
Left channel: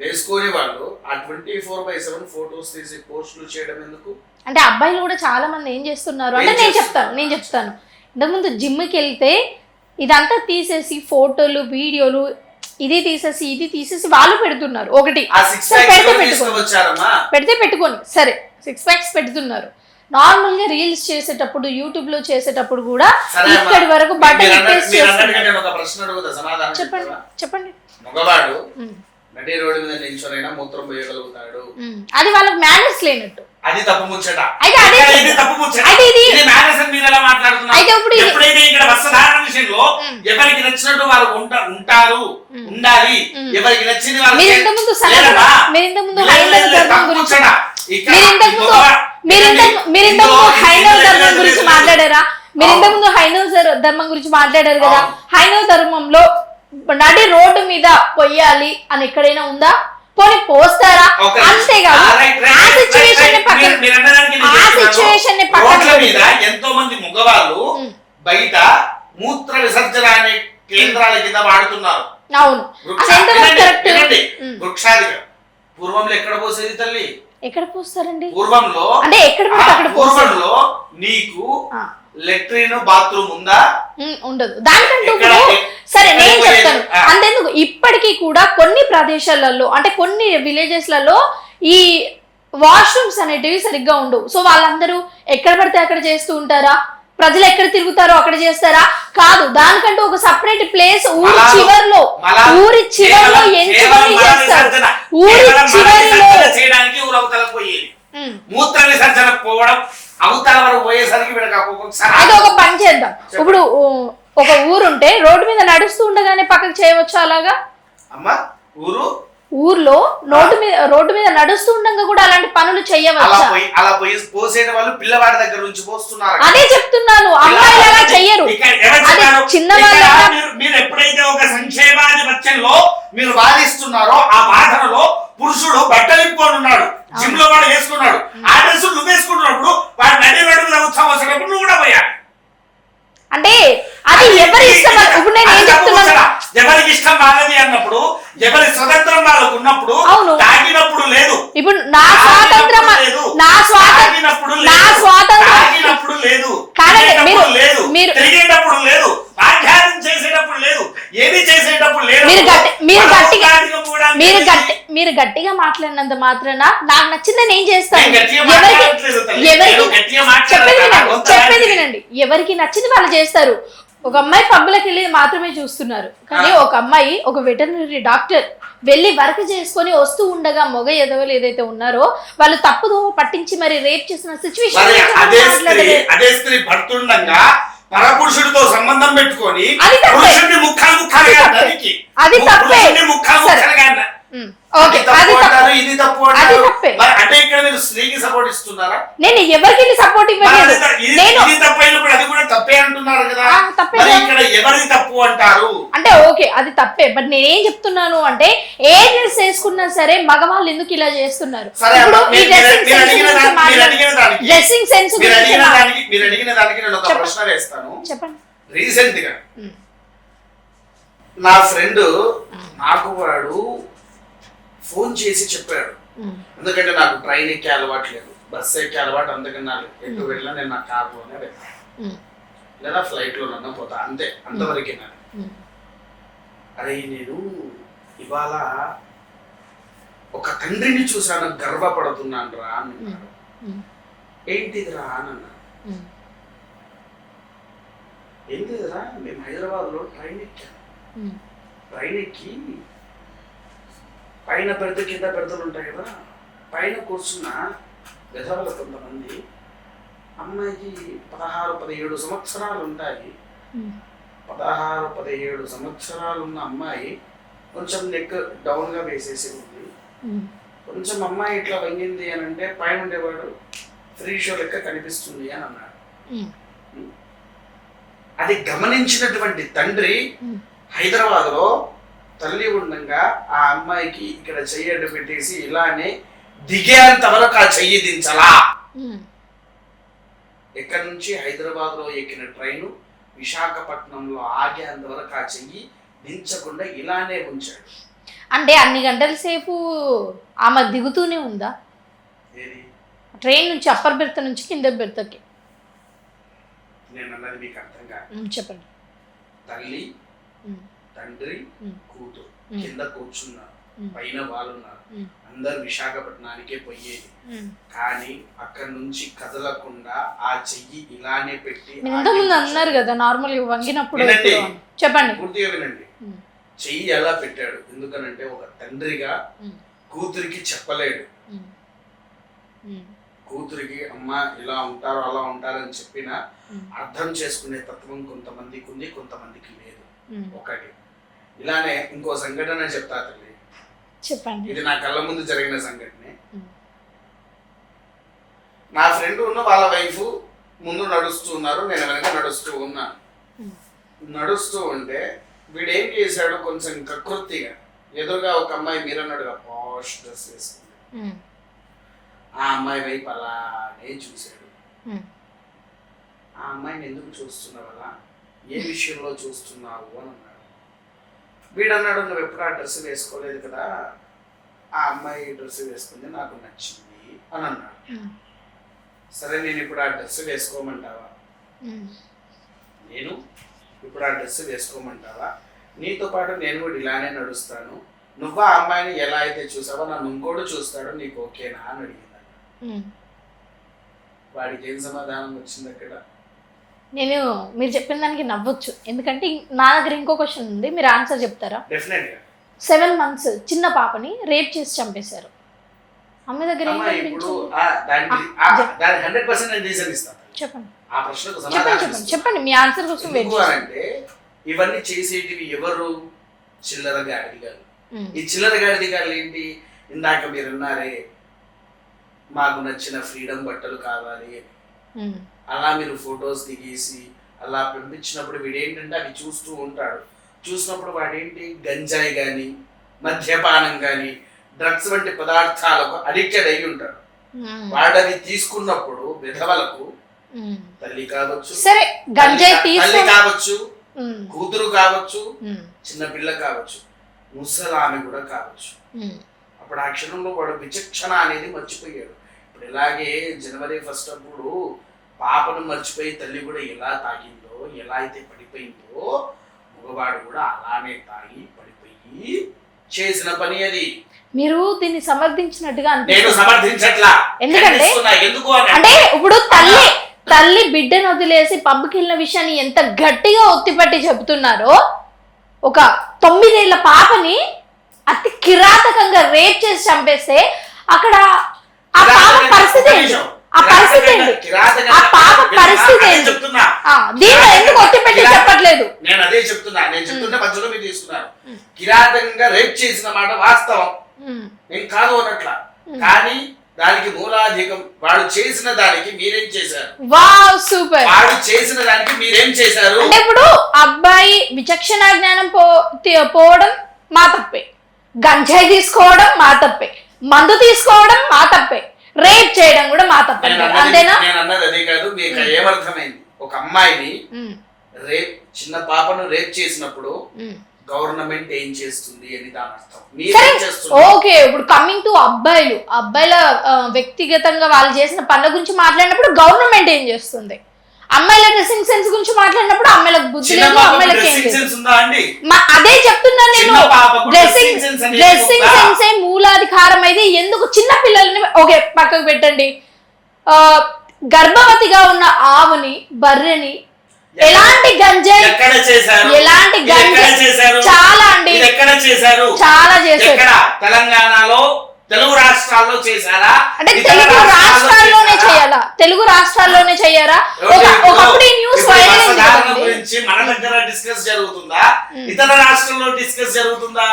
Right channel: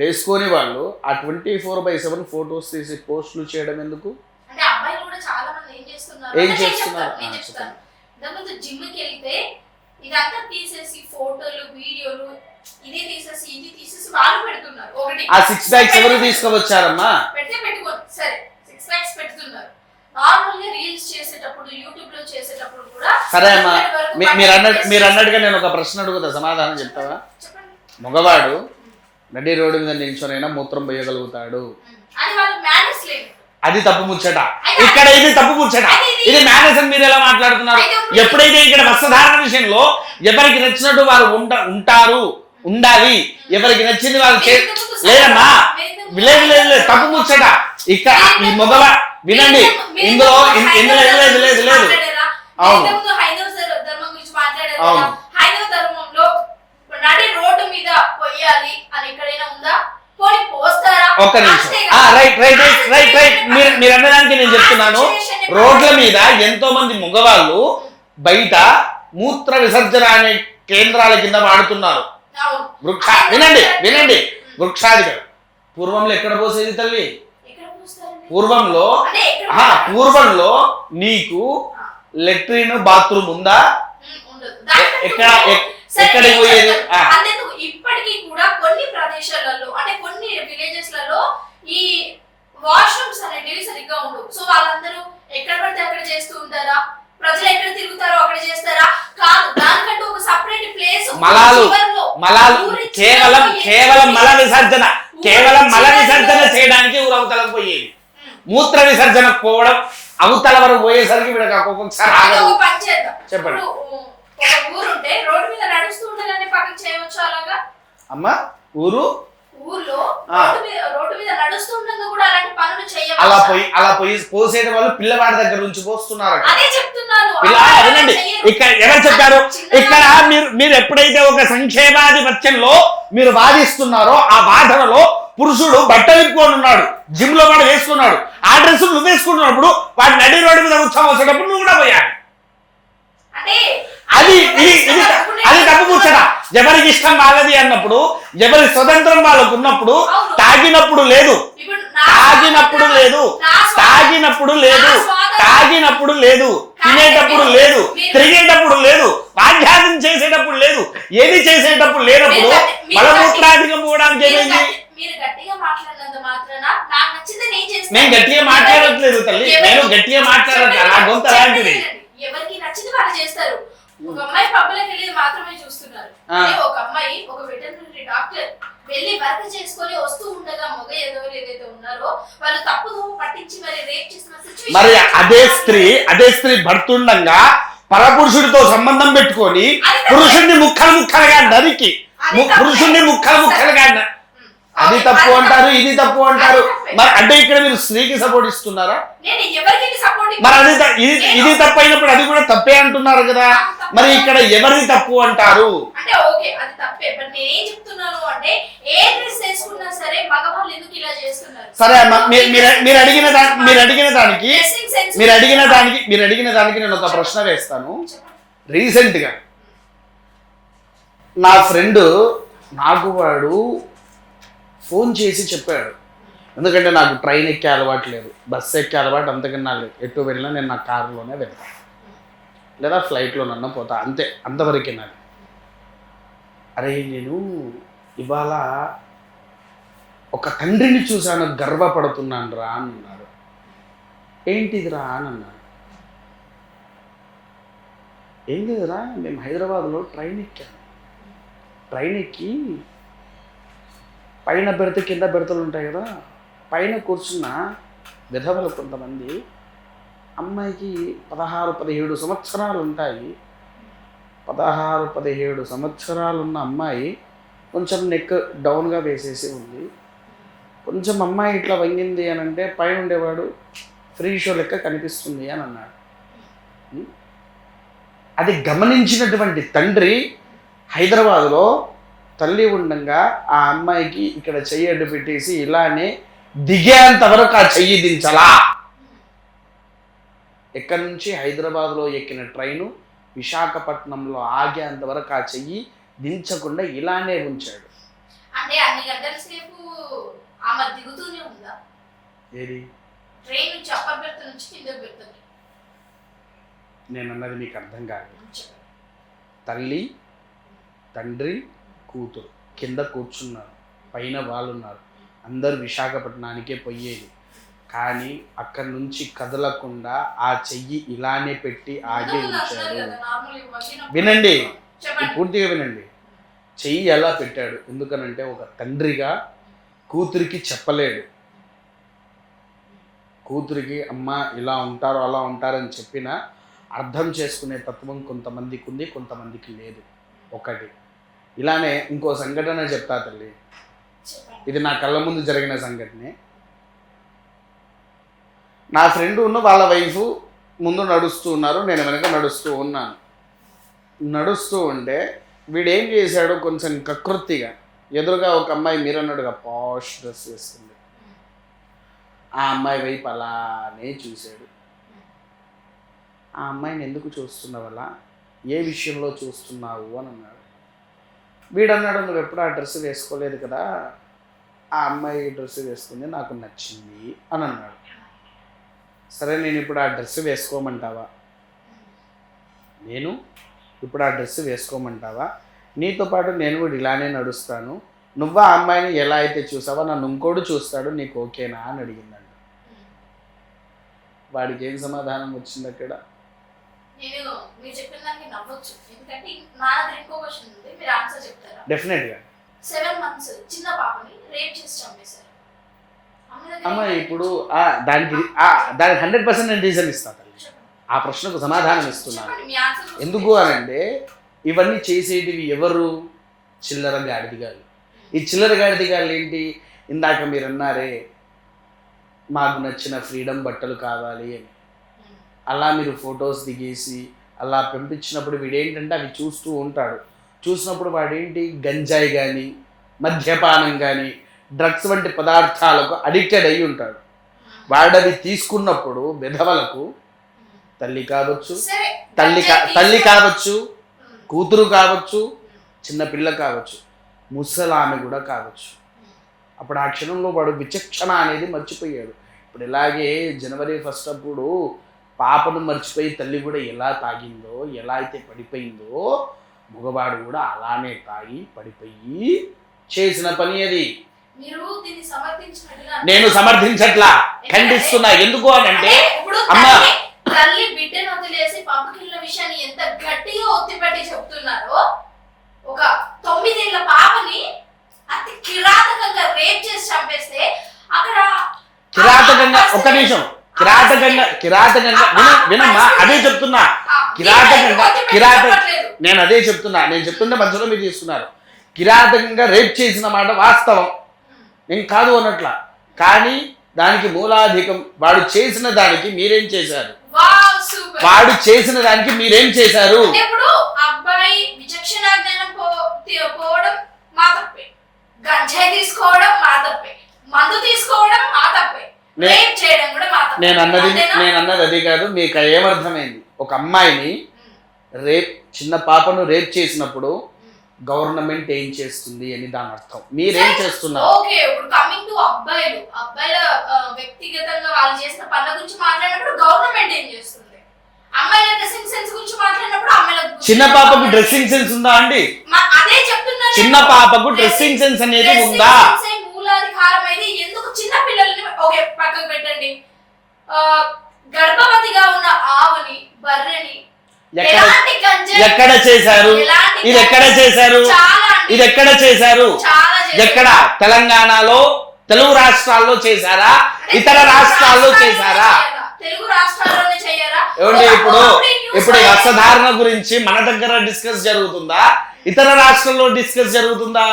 వేసుకునే వాళ్ళు ఆ 24/7 ఫొటోస్ తీసి పోస్టులు చేయడం ఎందుకు? అంటే అబ్బాయిలు కూడా చాలా మంది ఏం చేస్తున్నారు అంటే నేను చెప్తాను ఇంతకుముందు జిమ్కి వెళ్తే ఇదంతా తీసేసి ఫోటోలు వీడియోలు ఇది తీసేసి వాళ్ళు పెడుతున్నారు. ఒకటి పెడితే పెట్టుకోండి సరే, 6 ప్యాక్స్ పెడుతున్నారు. నార్మల్ గా రీల్స్ చేసేటప్పుడు యూట్యూబ్ లో చేసేటప్పుడు కూడా ఇక్కడి వరకు చెప్పండి. మగవాడు నడి రోడ్డు మీద నిల్చొనైనా మూత్రం పోయగలుగుతాడు, అది వాళ్ళకి మేనర్స్ లేనట్టు, అది తప్పు ముచ్చట. ఇది తప్పు ముచ్చట, ఇది మేనర్స్ అని మీరు ఎలా మాట్లాడుతున్నారు? ఎప్పుడైతే ఇక్కడ వస్త్రధారణ విషయంలో ఎవరికి నచ్చినట్టు వాళ్ళు ఉంటారు, ఉండాలి, ఎవరికి నచ్చింది వాళ్ళు తప్పు ముచ్చట. ఇక్కడ మాట్లాడారా? మీరు ఇంతకుముందు హైందవ ధర్మం గురించి మాట్లాడారు కదా, హైందవ ధర్మంలో నడి రోడ్డు మీద పొయ్యాలి అని ఎక్కడైనా ఉందా? పోనీ పోస్తారా? రోడ్ల మీద ఎంతో మంది మగవాళ్ళు బయట మూత్ర విసర్జన అనే కేంద్రాల కింద వాడుతున్నారు. వినండి, వృక్షాధికారం పూర్వంలో ఎక్కడ పోసేది తల్లి? ఎక్కడ పోస్తారండి? పూర్వంలో నీకు లెట్రిన్ బాత్రూమ్ ఉందా? ఉండదు. సరే నేను చెప్తాను అంతెందుకు, ఇప్పటికీ కూడా కొన్ని ప్రదేశాలలో అంటే కొన్ని విలేజెస్లలో ఈ వాష్రూమ్స్ అనేటివి సరిగ్గా ఉండవు. సో వాళ్ళందరూ ఎక్కడ పడితే అక్కడ చేస్తూ ఉంటారా? ప్రజలు ఎక్కడ తిరుగుతారో అక్కడ చేస్తారా? కాదు, దానికంటూ ఒక సపరేట్ ప్లేస్ ఊరి చివర్లో చేయడానికి మూత్ర విసర్జన పోవడం అవతల వరకు పోయేసరికి ఒక పని చేద్దాం. ఇప్పుడు ఒక ఊరుంటే రోడ్డు మీద నడుస్తూ ఉండగానే పక్కకు చేయవచ్చు అలాగా? అమ్మా ఊర్లో రోడ్డు మీద నడుస్తూ ఉండగా కూడా అలాంటి పనులు చేయవచ్చు. అలా పోయి పోసేట వాళ్ళు పిల్లవాడి దగ్గర నుంచి పోస్తున్నారు. అదే చెప్తున్నాను, మీరు ఎప్పుడైతే ఒక సంక్షేమాధిపత్యంలో మీరు వాదిస్తున్నారో ఆ వాదనలో పురుషుడు బట్టలు ఇప్పుకొని ఉన్నాడు, జిమ్ లో కూడా వేసుకున్నాడు, ఆ డ్రెస్ నువ్వు వేసుకున్నప్పుడు వాడి నడి రోడ్డు మీద ఉత్సవం వచ్చేటప్పుడు నువ్వు కూడా పోయాడు. అంటే ఎవరికి ఇష్టం వాళ్ళది అన్నప్పుడు, ఎవరి స్వతంత్రం వాళ్ళకు ఉన్నప్పుడు, తాగినప్పుడు లేదు, ఇప్పుడు తాగినప్పుడు లేదు, తినేటప్పుడు లేదు, తిరిగేటప్పుడు లేదు, ఆధ్యాత్మం చేసేటప్పుడు లేదు, ఏది చేసేటప్పుడు లేదు. మీరు గట్టిగా మాట్లాడినంత మాత్రాన నాకు నచ్చిందని ఏం చేస్తాను? వినండి, ఎవరికి నచ్చింది వాళ్ళు చేస్తారు. ఒక అమ్మాయి పబ్బులకు వెళ్ళి మాత్రమే చూస్తున్నారు, కానీ ఒక అమ్మాయి ఒక వెటర్నరీ డాక్టర్ వెళ్ళి వర్క్ చేసుకొని వస్తూ ఉండగా మొగ ఎదవలు ఏదైతే ఉన్నారో వాళ్ళు తప్పుదో పట్టించి మరి రేప్ చేసిన మరి అదే స్త్రీ భర్తుండగా పరపురుషుడితో సంబంధం పెట్టుకొని పురుషుడిని ముక్కలుగా నరికి పురుషుడిని ముక్కలుగా అది తప్పు అంటారు, ఇది తప్పు అంటారు. అంటే ఇక్కడ మీరు స్త్రీకి సపోర్ట్ ఇస్తున్నారా? నేను ఎవరికి సపోర్టింగ్ ఇది తప్పు అయినప్పుడు అది కూడా తప్పే అంటున్నారు కదా, మరి ఇక్కడ ఎవరిది తప్పు అంటారు? అంటే ఓకే అది తప్పే, బట్ నేనేం చెప్తున్నాను అంటే ఏ డ్రెస్ వేసుకున్నా సరే మగవాళ్ళు ఎందుకు ఇలా చేస్తున్నారు? సరే మీరు అడిగిన దానికి నేను ఒక ప్రశ్న వేస్తాను. చెప్పండి. రీసెంట్ గా నా ఫ్రెండ్ నాకు వాడు ఫోన్ చేసి చెప్పాడు, ఎందుకంటే నాకు ట్రైన్ ఎక్కే అలవాటు లేదు, బస్సు ఎక్కే అలవాటు అంతకన్నా లేదు, ఎటు వెళ్ళినా నేను నా కారులోనే వెళ్తాను లేదా ఫ్లైట్లోనన్నా పోతా, అంతే, అంతవరకే నాకు. అరే నేను ఇవాళ ఒక తండ్రిని చూశాను, గర్వపడుతున్నాను రా అని అన్నాడు. ఏంటిదిరా అని అన్నాడు. ఏం లేదురా, మేము హైదరాబాద్లో ట్రైన్ ఎక్కాను, ట్రైన్ ఎక్కి పైన బెర్త్ కింద బెర్తలు ఉంటాయి కదా, పైన కూర్చున్న విధవలు కొంతమంది, అమ్మాయికి 16-17 సంవత్సరాలు ఉంటాయి, 16-17 సంవత్సరాలు ఉన్న అమ్మాయి కొంచెం నెక్ డౌన్గా వేసేసి ఉంది, కొంచెం అమ్మాయి ఇట్లా వంగింది అని అంటే పైన ఉండేవాడు ఫ్రీ షో లెక్క కనిపిస్తుంది అని అన్నాడు. అది గమనించినటువంటి తండ్రి హైదరాబాద్లో తల్లి ఉండగా ఆ అమ్మాయికి ఇక్కడ చెయ్యి అడ్డు పెట్టేసి ఇలానే దిగేంత వరకు ఆ చెయ్యి దించలా. ఎక్కడి నుంచి హైదరాబాద్లో ఎక్కిన ట్రైను విశాఖపట్నంలో ఆగేంత వరకు ఆ చెయ్యి దించకుండా ఇలానే ఉంచాడు. అంటే అన్ని గంటల సేపు ఆమె దిగుతూనే ఉందా ఏది? ట్రైన్ నుంచి అప్పర్ బెర్త్ నుంచి కింద బెర్త్కి. నేను అన్నది మీకు అర్థం కాదు. చెప్పండి. తల్లి, తండ్రి, కూతురు కింద కూర్చున్నారు, పైన వాళ్ళు ఉన్నారు, అందరు విశాఖపట్నానికే పోయేది, కానీ అక్కడి నుంచి కదలకుండా ఆ చెయ్యి ఇలానే పెట్టి అన్నారు కదా నార్మల్ వంగినప్పుడు. వినండి, చెప్పండి, పూర్తిగా వినండి. చెయ్యి ఎలా పెట్టాడు? ఎందుకనంటే ఒక తండ్రిగా కూతురికి చెప్పలేడు, కూతురికి అమ్మ ఇలా ఉంటారు అలా ఉంటారని చెప్పినా అర్థం చేసుకునే తత్వం కొంతమందికి ఉంది, కొంతమందికి లేదు. ఒకటి ఇలానే ఇంకో సంఘటన చెప్తా తల్లి, చెప్పండి. ఇది నా కళ్ళ ముందు జరిగిన సంఘటనే. నా ఫ్రెండ్ వాళ్ళ వైఫ్ ముందు నడుస్తూ ఉన్నారు, నేను వెనక నడుస్తూ ఉన్నాను. నడుస్తూ ఉంటే వీడేం చేశాడు, కొంచెం కకృతిగా ఎదురుగా ఒక అమ్మాయి మీరన్నాడుగా పాష్ డ్రెస్ వేసుకుంది, ఆ అమ్మాయి వైపు అలానే చూశాడు. ఆ అమ్మాయిని ఎందుకు చూస్తున్నావు అలా, ఏ విషయంలో చూస్తున్నావు అని అన్నాడు. వీడన్నాడు, నువ్వు ఎప్పుడు ఆ డ్రెస్ వేసుకోలేదు కదా, ఆ అమ్మాయి డ్రెస్ వేసుకుంది నాకు నచ్చింది అని అన్నాడు. సరే నేను ఇప్పుడు ఆ డ్రెస్ వేసుకోమంటావా, నేను ఇప్పుడు ఆ డ్రెస్ వేసుకోమంటావా, నీతో పాటు నేను కూడా ఇలానే నడుస్తాను, నువ్వు ఆ అమ్మాయిని ఎలా అయితే చూసావో నన్ను ఇంకోడు చూస్తాడు, నీకు ఓకేనా అని అడిగిందంట. వాడికి ఏం సమాధానం వచ్చింది అక్కడ? నేను మీరు చెప్పిన దానికి నవ్వచ్చు, ఎందుకంటే నా దగ్గర ఇంకో క్వశ్చన్ ఉంది, మీరు ఆన్సర్ చెప్తారా? డెఫినెట్గా. 7 months చిన్న పాపని రేప్ చేసి చంపేశారు. అమ్మ దగ్గర ఇప్పుడు దానికి 100% నేను రీజన్ ఇస్తాను. చెప్పండి, ఆ ప్రశ్నకు సమాధానం చెప్పండి మీ ఆన్సర్. ఎందుకు అంటే ఇవన్నీ చేసేటివి ఎవరు? చిల్లర గాడిదిగాళ్ళు. ఈ చిల్లర గాడిదిగాళ్ళు ఏంటి? ఇందాక మీరు అన్నారే మాకు నచ్చిన ఫ్రీడమ్ బట్టలు కావాలి అని, అలా మీరు ఫొటోస్ దిగేసి అలా పంపించినప్పుడు వీడేంటంటే అవి చూస్తూ ఉంటాడు. చూసినప్పుడు వాడేంటి, గంజాయి కానీ మద్యపానం కానీ డ్రగ్స్ వంటి పదార్థాలకు అడిక్టెడ్ అయి ఉంటాడు. వాడవి తీసుకున్నప్పుడు విధవలకు తల్లి కావచ్చు, తల్లి కావచ్చు, కూతురు కావచ్చు, చిన్న పిల్ల కావచ్చు, ముసలామె కూడా కావచ్చు. అప్పుడు ఆ క్షణంలో వాడు విచక్షణ అనేది మర్చిపోయాడు. ఇప్పుడు ఇలాగే January 1st అప్పుడు పాపను మర్చిపోయి తల్లి కూడా ఎలా తాగిందో, ఎలా అయితే పడిపోయిందో, మగవాడు కూడా అలానే తాగి పడిపోయి చేసిన పని అది. మీరు దీన్ని సమర్థించినట్టుగా నేను సమర్థించట్లా, ఎందుకు అంటే ఇప్పుడు తల్లి బిడ్డను వదిలేసి పబ్కి వెళ్ళిన విషయాన్ని ఎంత గట్టిగా ఒత్తిపట్టి చెబుతున్నారో, ఒక 9 ఏళ్ల పాపని అతి కిరాతకంగా రేప్ చేసి చంపేస్తే అక్కడ ఆ పాప పరిస్థితి ఏంటి? ఆ పరిస్థితి ఏంటి? ఆ పాప పరిస్థితి అదే ఏంటి? చెప్తున్నా. దీన్ని ఎందుకు ఒత్తిపెట్టి చెప్పట్లేదు? నేను అదే చెప్తున్నా. నేను చెప్తున్న మధ్యలో మీరు తీసుకున్నారు. కిరాతకంగా రేప్ చేసిన మాట వాస్తవం, నేను కాదు అన్నట్ల. కానీ దానికి మూలాధికం వాడు చేసిన దానికి మీరేం చేశారు? Wow, super. వాడు చేసిన దానికి మీరేం చేశారు? అంటే ఇప్పుడు అబ్బాయి విచక్షణ జ్ఞానం పోవడం మా తప్పే, గంజాయి తీసుకోవడం మా తప్పే, మందు తీసుకోవడం మా తప్పే, రేప్ చేయడం కూడా మా తప్పే. నేను అన్నది అదే కాదు. మీకు ఏమర్థమైంది? ఒక అమ్మాయిని రేప్, చిన్న పాపను రేప్ చేసినప్పుడు గవర్నమెంట్ ఏం చేస్తుంది అని దాని అర్థం. మీరేం చేస్తున్నారు? ఓకే, ఇప్పుడు కమింగ్ టు అబ్బాయిల వ్యక్తిగతంగా వాళ్ళు చేసిన పనుల గురించి మాట్లాడినప్పుడు గవర్నమెంట్ ఏం చేస్తుంది? అమ్మాయిల డ్రెస్సింగ్ సెన్స్ గురించి మాట్లాడినప్పుడు అమ్మాయిలకు బుద్ధి చిన్న లేదు, పాపకు అమ్మాయిలకి డ్రెస్సింగ్ ఏంటి? సెన్స్ ఉందా అండి? అదే చెప్తున్నాను నేను. చిన్న పాపకు డ్రెస్సింగ్ సెన్స్ అనేది డ్రెస్సింగ్ ఉందా? సెన్సే మూలాధికారం అయితే ఎందుకు చిన్న పిల్లల్ని ఓకే పక్కకు పెట్టండి. గర్భవతిగా ఉన్న ఆవుని, బర్రెని ఎలాంటి గంజాయి ఎక్కడ చేశారు? ఎలాంటి ఇది ఎక్కడ చేశారు? చాలా అండి, ఇది ఎక్కడ చేశారు? చాలా చేశారు. ఎక్కడ? తెలంగాణలో, తెలుగు రాష్ట్రాల్లో చేశారా? అంటే ఇతర తెలుగు రాష్ట్రాల్లో రాష్ట్రాల్లోనే చేశారా? చేయాలా? తెలుగు రాష్ట్రాల్లోనే చెయ్యారా? ఇప్పుడు వస్త్రధారణ గురించి మన దగ్గర డిస్కస్ జరుగుతుందా? ఇతర రాష్ట్రాల్లో డిస్కస్ జరుగుతుందా?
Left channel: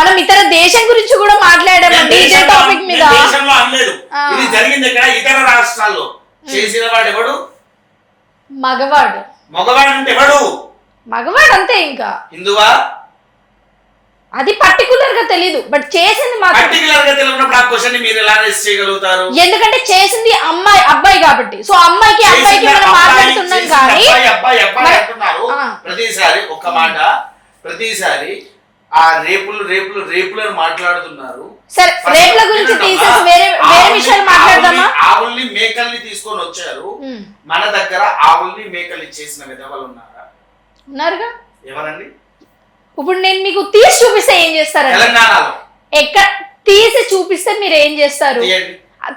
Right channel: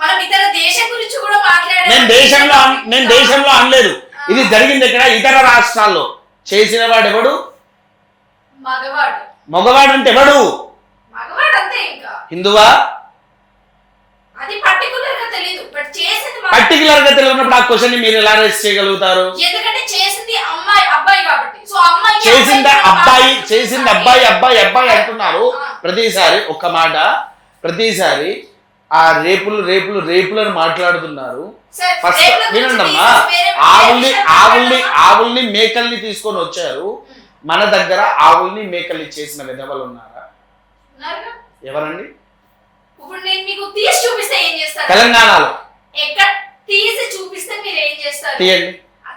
మనం ఇతర దేశం గురించి కూడా మాట్లాడాము. నేను దేశంలో అనలేదు. ఇది జరిగింది ఇక్కడ ఇతర రాష్ట్రాల్లో. చేసిన వాడు ఎవడు? మగవాడు. మగవాడు అంటే ఎవడు? మగవాడు అంతే. ఇంకా హిందువా? అది పర్టికులర్ గా తెలీదు, బట్ చేసింది పర్టికులర్ గా తెలియనప్పుడు ఆ క్వశ్చన్ మీరు ఎలా రేస్ చేయగలుగుతారు? ఎందుకంటే చేసింది అబ్బాయి కాబట్టి. సో అమ్మాయికి అబ్బాయి అంటున్నారు ప్రతిసారి. ఒక్క మాట, ప్రతిసారి ఆ రేపులను మాట్లాడుతున్నారు. ఆవుల్ని మేకల్ని తీసుకొని వచ్చారు. మన దగ్గర ఆవుల్ని మేకల్ని చేసిన విధవలు ఉన్నారా? ఎవరండి? ఇప్పుడు నేను మీకు తీసి చూపిస్తే ఏం చేస్తారు? తెలంగాణలో ఎక్కడ తీసి చూపిస్తే మీరు ఏం చేస్తారు?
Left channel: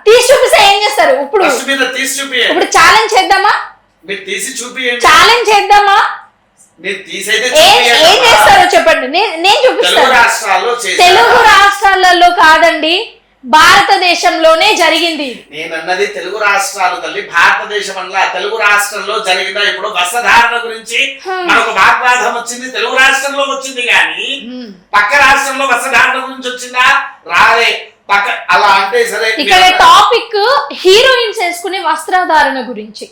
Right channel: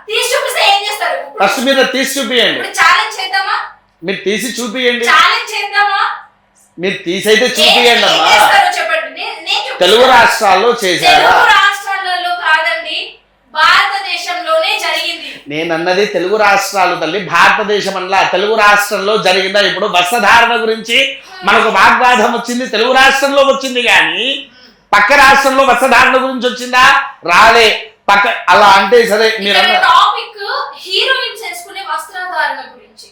తీసి చూపిస్తే ఏం చేస్తారు? ఇప్పుడు తీసి చూపియండి. ఇప్పుడు ఛాలెంజ్ చేద్దామా? మీరు తీసి చూపియండి. ఛాలెంజ్ చేద్దామా? మీరు తీసైతే ఏం చేస్తారో చెప్పండి, నేను చూపిస్తాను. తెలుగు రాష్ట్రాలలో కాదండి, భారతదేశంలోనే జరిగింది. నేను అన్నది తెలుగు రాష్ట్రాలు తల్లి, భారతదేశం అలా. తెలుగు రాష్ట్రంలో జరిగిందా? ఇప్పుడు వస్త్రధారణ గురించి మనకు వాగ్వాదం వచ్చింది, తెలుగు రాష్ట్రంలో వచ్చింది. కానీ పక్క రాష్ట్రంలో వస్త్రధారణ గురించి వచ్చిందా? రాలే. పక్క అలా అంటే సరే. ఇక్కడ టాపిక్ హీరోయిన్స్ వేసుకునే వస్త్రధారణ గురించి.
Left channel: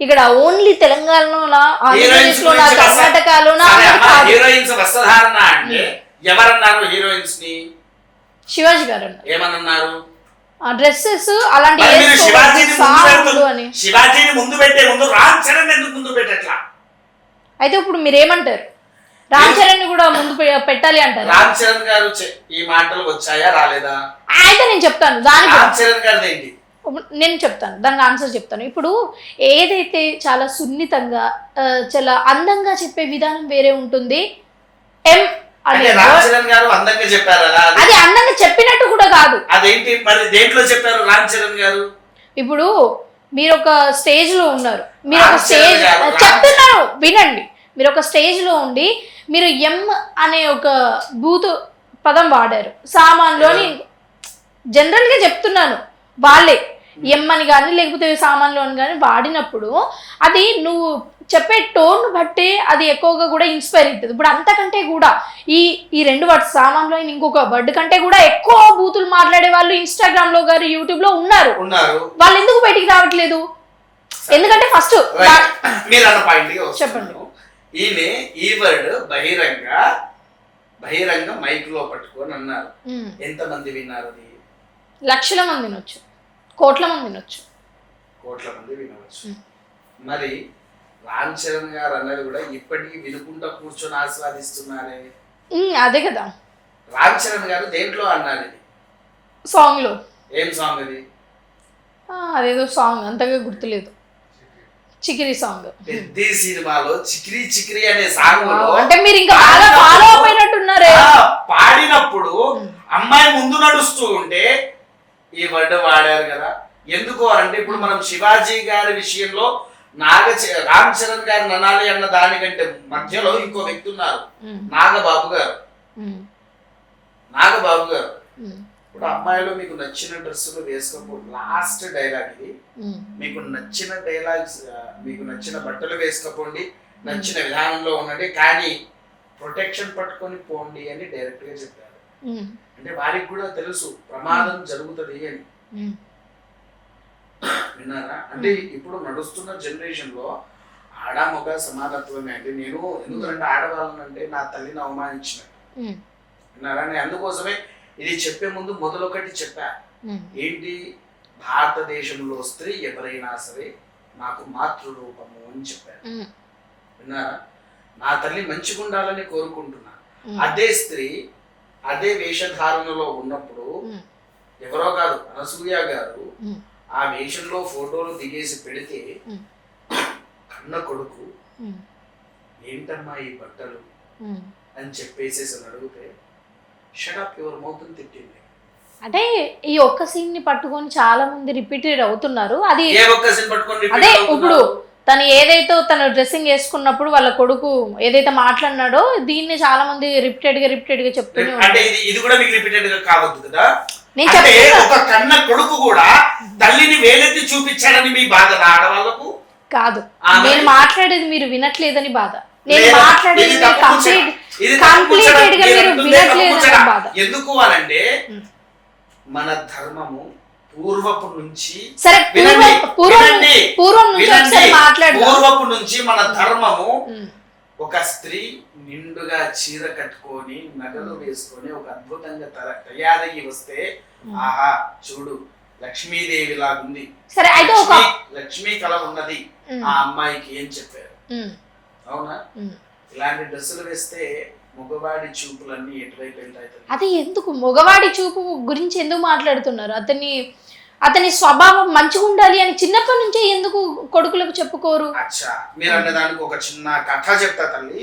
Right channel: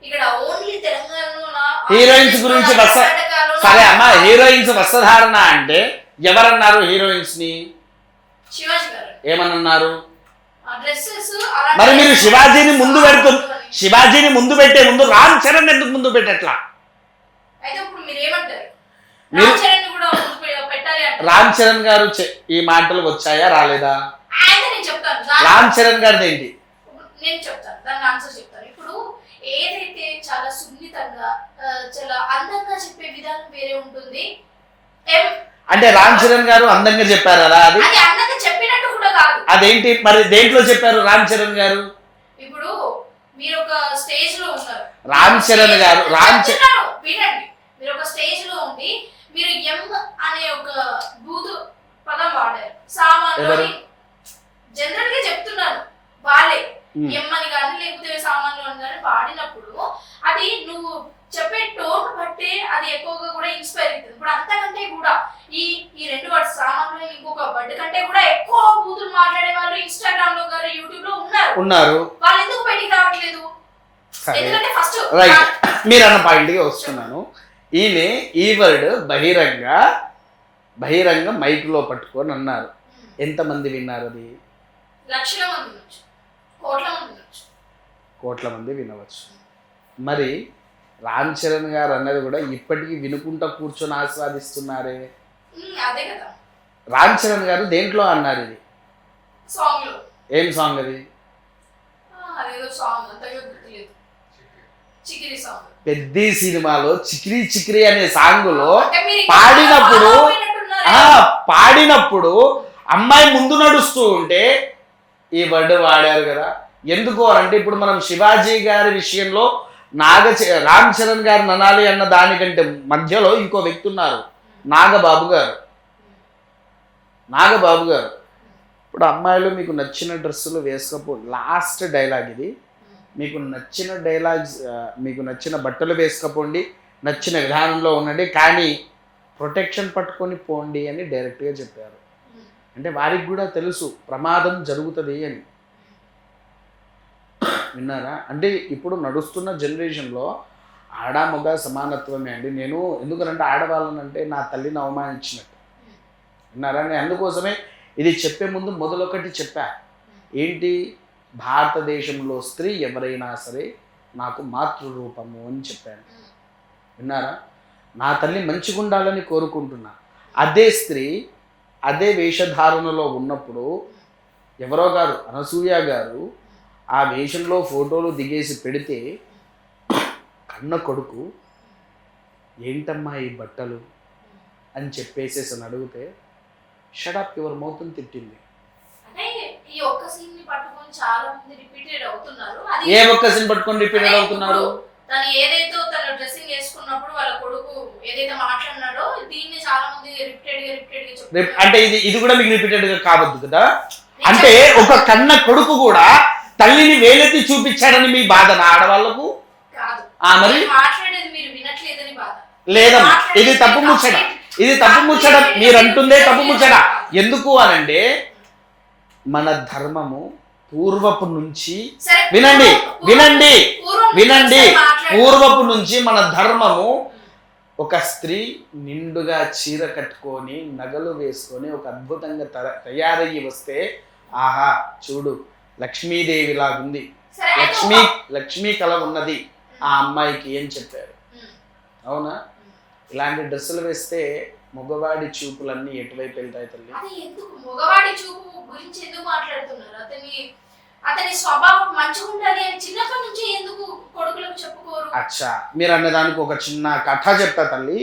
ఇక్కడ ఓన్లీ తెలంగాణలో, హీరోయిన్స్ వస్త్రధారణ అంటే ఎవరన్నారు? హీరోయిన్స్ ని శివాజీ గారు ఏమన్నారు? డ్రెస్సెస్ అలాంటి. శివాజీని ముందు పెట్టే ముందు రామ్ చరణ్ ఎందుకు ముందు పెట్టట్లా? అయితే ఇప్పుడు మీరేమంటారు? రామ్ చరణ్ కూడా ముందు పెట్టాలి అంటారు. రామ్ చరణ్ గారు ఈ మాటలు వచ్చాయా, రాలేదా? అయితే నేను చెప్తాను. రామ్ చరణ్ గారు ఏంటి నేను చెప్తాను, దానికి ఆన్సర్ చెప్తాను. ఇప్పుడు ఏదైతే చాలా సున్నితంగా, చాలా అందంగా చెప్పే విధానం వేరే ఉంటుంది. అంటే రామ్ చరణ్ గారు అందంగా చెప్పారు కదా? అది అందంగా చెప్పినట్టు కూడా కాదు. అదేంటి మరి? దేంట్లో చెప్పారు రామ్ చరణ్ గారు? ఇప్పుడు మీరు ఒక స్టేజ్ లో ఉన్నారు, చెప్తున్నారు వినండి. మీరు ఒక స్టేజ్ లో ఉండి మీరు ఎం అనే ఒక బూతు పదం వాడారు. సామాన్లోని జనరల్ గా చెప్తున్నాను, వాళ్ళే ఎం అని కానీ లేకపోతే సామాన్లు అని కానీ వాడినప్పుడు అది నువ్వు చెప్పే టోన్ బట్టే అది ఎక్కువగా కూడా ఇన్స్పైర్ అవుతుంది. ఇప్పుడు అంతకంటే కూడా ఈ 2 వర్డ్స్ సామాన్లో ఇంకొక వర్డ్ కంటే కూడా ఎక్కువ బూతులు మాట్లాడే వాళ్ళు ఇన్స్టాగ్రామ్ లో గారు, యూట్యూబ్ లో ఉన్నారు. వాళ్ళు ఎందుకు బయటికి రావట్లేదు? ఎందుకంటే ఫస్ట్ మీరు అన్న పాయింట్ చెప్పండి. ఈమె ఈ వర్డ్ బహిరంగ మైక్ లో పట్టుకొని అన్నారు. ఎంతమంది విన్నారు? అది లక్షల మంది వినొచ్చు, కోట్ల మంది వినొచ్చు. కోట్ల మంది వినవచ్చు. మరి రామ్ చరణ్ గారు అన్నది కూడా ఇప్పటికీ వినుకుంటా కూర్చొని ఆస్వాదిస్తున్నారే. అదే కదా రామ్ చరణ్ గారు దేంట్లో అన్నారు? ఇది సాంగ్ లో. ఏం సాంగ్ అది? అదేదో సాంగ్, అంతగా గుర్తులేదు. చికిరి సాంగ్. పెద్ద సినిమాలో చికిరి చికిరి అనే సాంగ్ లో అంటే మీరు ఇంకా పాడినప్పుడు అమ్మాయి ముందు నడుస్తూ ఉంటే ఈ వర్డ్ వాడారు కదా. ఎందుకు అంటే ఇప్పుడు మనం శివాజీ గారి విషయంలో రామ్ చరణ్ గారు ననాలి అన్న దానికంటే మధ్యలో ఇంకో వ్యక్తి ఉన్నారు, నాగబాబు గారు. ఇప్పుడు అమ్మాయిలు మీకు నచ్చిన డ్రెస్సులు వేసుకోపో, లాస్ట్ డైలాగ్ ఇది, మీకు నచ్చిన డైలాగ్స్, మీకు నచ్చిన బట్టలు వేసుకపోండి, నచ్చిన విధానంలో ఉండండి, కానీ ప్రొటెక్షన్ పట్టుకొని పోండి అని డైరెక్ట్గా చెప్పారు. అంటే వారికి కూడా తెలుసు ప్రమాదం జరుగుతుంది అని. విన్నారా? అంటే ఇప్పుడు నడుస్తున్న జనరేషన్లో ఆడ మగ సమానత్వమే అండి. నేను ఎందుకంటే ఆడవాళ్ళని అంటే నా తల్లిని అవమానించినట్టు. విన్నారా? నేను అందుకోసమే ఇది చెప్పే ముందు మొదలొకటి చెప్పా, ఏంటి, భారతదేశంలో స్త్రీ ఎవరైనా సరే నాకు మాతృరూపము అని చెప్పాను. విన్నారా? నా తల్లి మంచిగా ఉండాలని కోరుకుంటున్నా. అదే స్త్రీ అదే వేషధారణలో ఉన్నప్పుడు ఎవరో గారు, అనసూయ గారు ఆ వేషంలో ఫోటోలు దిగేసి పెడితే కన్న కొడుకు ఏంటమ్మా ఈ బట్టలు అని చెప్పేసేసి అడిగితే షడప్ యువర్ మౌత్ అని తిట్టింది. అంటే ఈ ఒక్క సీన్ ని పట్టుకొని చాలా మంది రిపీటెడ్ అవుతున్నారు. అది ఏ ఒక్క సీన్ పట్టుకొని అదే ఇప్పుడు తను ఏదైతే తను డ్రెస్సింగ్ వేసుకున్నప్పుడు వాళ్ళ కొడుకు ఏదైతే మాట్లాడినాడో దీన్ని చాలా మంది రిపీటెడ్ గా చెప్తున్నారు. అంటే ఇది కూడా మీకు రిపీటెడ్ గా కావద్దు కదా. అంటే ఒక కన్న కొడుకు కూడా తల్లిని వేలెత్తి చూపించాడని మీ బాధ ఆడవాళ్ళకు కాదు, మాట్లాడేది మీరు వినట్లేదని బాధ. ఎందుకు అనంటే మన ధర్మము పూర్వపు నుంచి పూర్వపు నుంచి మన ధర్మము ఒక స్త్రీ నిండుగా చీర కట్టుకొని నగలు వేసుకొని ఒక అద్భుతంగా తయారయ్యి వస్తే ఆహా చూడు లక్ష్మీదేవి లాగుంది, లక్ష్మీ కళ ఉన్నది ఆ అమ్మాయికి అని చెప్పారు. అవునా? ఇలాంటి డ్రెస్సులు వేస్తే మగవాడి చూపులన్నీ ఎటువైపు వెళ్తాయి? అది ఎందుకు మగవాడి చూపు గురించి ఎందుకు మాట్లాడుతున్నారు? అతని స్వభావం మంచిగా ఉండాలి అని చిన్నప్పటి నుంచే ఎందుకు కొడుకులకు చెప్పుకోరు? అచ్చా, మీరు అనే దానికి ఒక చిన్న కథ చెప్తా తల్లి.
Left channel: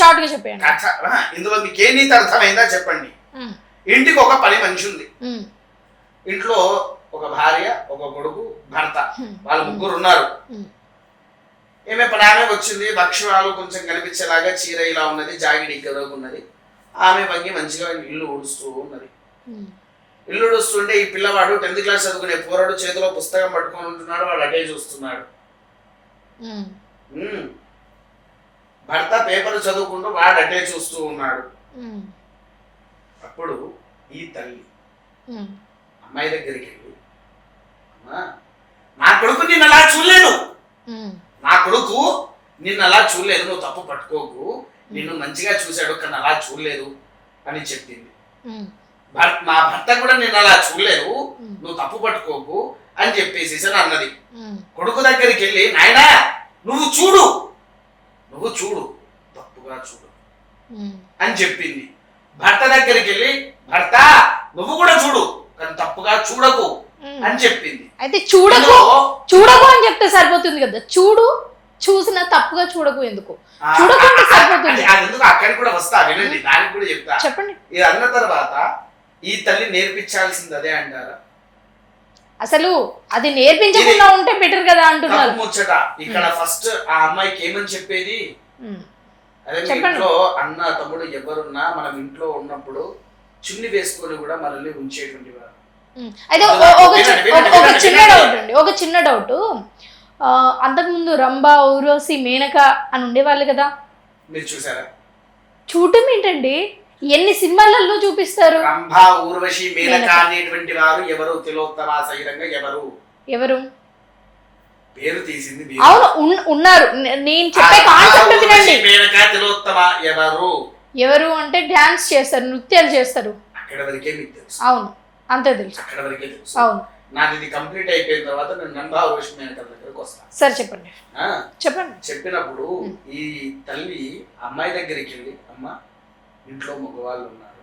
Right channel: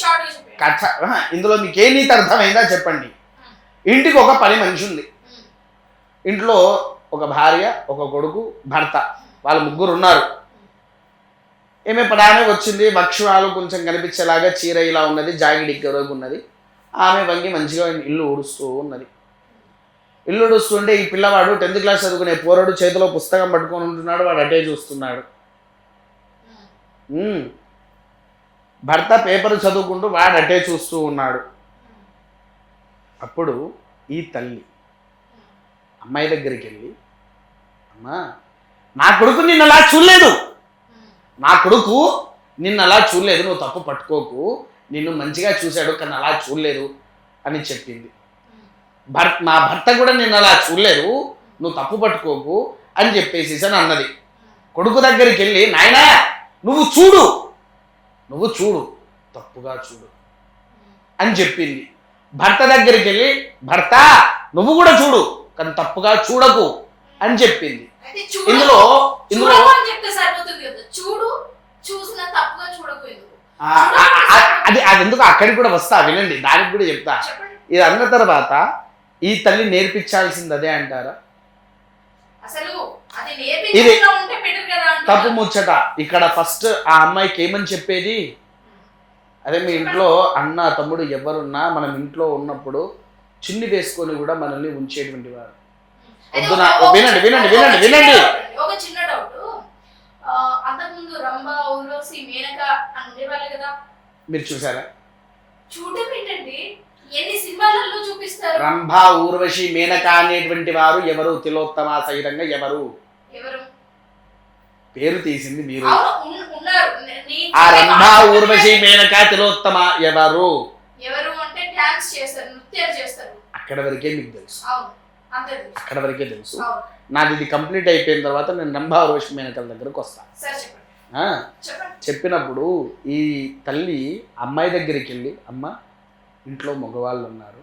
షార్ట్ గా చెప్పండి కథ. ఇందులో మీకు ఏ నీతి అర్థమైందా చెప్పండి. ఇంటికి ఒక పని మనిషి ఉంది, ఇంట్లో ఒక భార్య, ఒక కొడుకు, భర్త, వాళ్ళు ముగ్గురు ఉన్నారు. ఏమే ప్రయాణం వచ్చింది, భక్ష్యాలు కొంచెం కనిపించేలాగా చీర ఇలా ఉన్నది, జాగిడి గరుగు ఉన్నది. ఆమె వంగి మంచిగా ఇల్లు ఊడుస్తూ ఉన్నది. ఇల్లు ఊడుస్తుంటే ఈ పిల్లవాడు 10th క్లాస్ చదువుకునే పోరాడు చేతిలో పుస్తకం పట్టుకొని ఉంటున్నాడు, వాడు అటే చూస్తున్నాడు. భర్త పేపర్ చదువుకుంటూ వాడు అటే చూస్తూ ఉన్నాడు. అప్పుడు ఈ తల్లి అమ్మాయి దగ్గరికి వెళ్ళి, అమ్మా నా కొడుకు నిన్ను అలా చూడలేదు, నా కొడుకు నిన్ను అలా చూడలేదు, నువ్వు తప్పు పట్టుకోకు, నిన్ను మంచిగా చూశాడు కానీ అలా చూడలేదు అని చెప్పింది. మా భర్త కూడా నిన్ను అలా చూడలేదు, నువ్వు తప్పు పట్టుకోకు అని చెప్పేసి అన్నది. కొడుకు దగ్గరికి వెళ్ళి, నాయనా నువ్వు చూడు తప్పుగా చూడు అని చెప్పింది. భర్త దగ్గరికి వెళ్ళి, భర్త నువ్వు కూడా చూడు కానీ తప్పుగా చూడకు అని చెప్పింది. అయితే చూడకు అని చెప్తే సరిపోతుంది కదా. చూసిన తప్పుగా చూడకు ఎందుకు? అది ఎందుకు అక్కడికి కూడా వస్తా, వినండి, దానికి కూడా చెప్తా. చెప్పండి. ఇది అన్న తర్వాత ఈ తల్లి నేర్పించాల్సింది అదే అంటారా? అసలు అది నేర్పించకుండా ఉంటే బెటర్ కదా అంటున్నారు. తప్పు ముచ్చట. ఇక్కడ ఫస్ట్ ఆ అమ్మాయికి ఏమని చెప్పేది, అదే మీ ఇంట్లో అన్న తమ్ముడు ఎవరున్నా మనం ఇంట్లో ఉన్నప్పుడు చున్ని వేసుకొని కూడా మనల్ని ఉంచేటువంటి వారు. ఒక చిన్న డౌట్, అంతకుముందు రంభ, ఊర్వశి, మేనక అని ఉండేవాళ్ళు కదా, మీరు చూసారా? చూడటం ఏంటండి, ఎన్ని సినిమాలలో చూపిస్తారు. రంభ, ఊర్వశి, మేనక అనేటువంటి వారు ఎవరు? తిలోత్తమ సహితంగా ఎవరు పేరు తీసింది మీరు. అవును ఉన్నారు. నేను మేనక, తిలోత్తమ ఎవరు అంటే డాన్స్ చేస్తారు, నృత్యాలు చేస్తారు. అక్కడ వరకే మీకు తెలుసు. అవును, అంతే తెలుసు. అక్కడ వరకే తెలుసు. అవును. నాది ఇది కంప్లీట్ అయిపోయిన తర్వాత నేను రంభ, ఊర్వశి, మేనకల దగ్గరకు వస్తాను. సరే చెప్పండి. చెప్పినప్పుడు ఈ తల్లి అమ్మాయి దగ్గరికి వెళ్ళి, అమ్మ ఇంట్లో మగవాళ్ళు ఉన్నారు,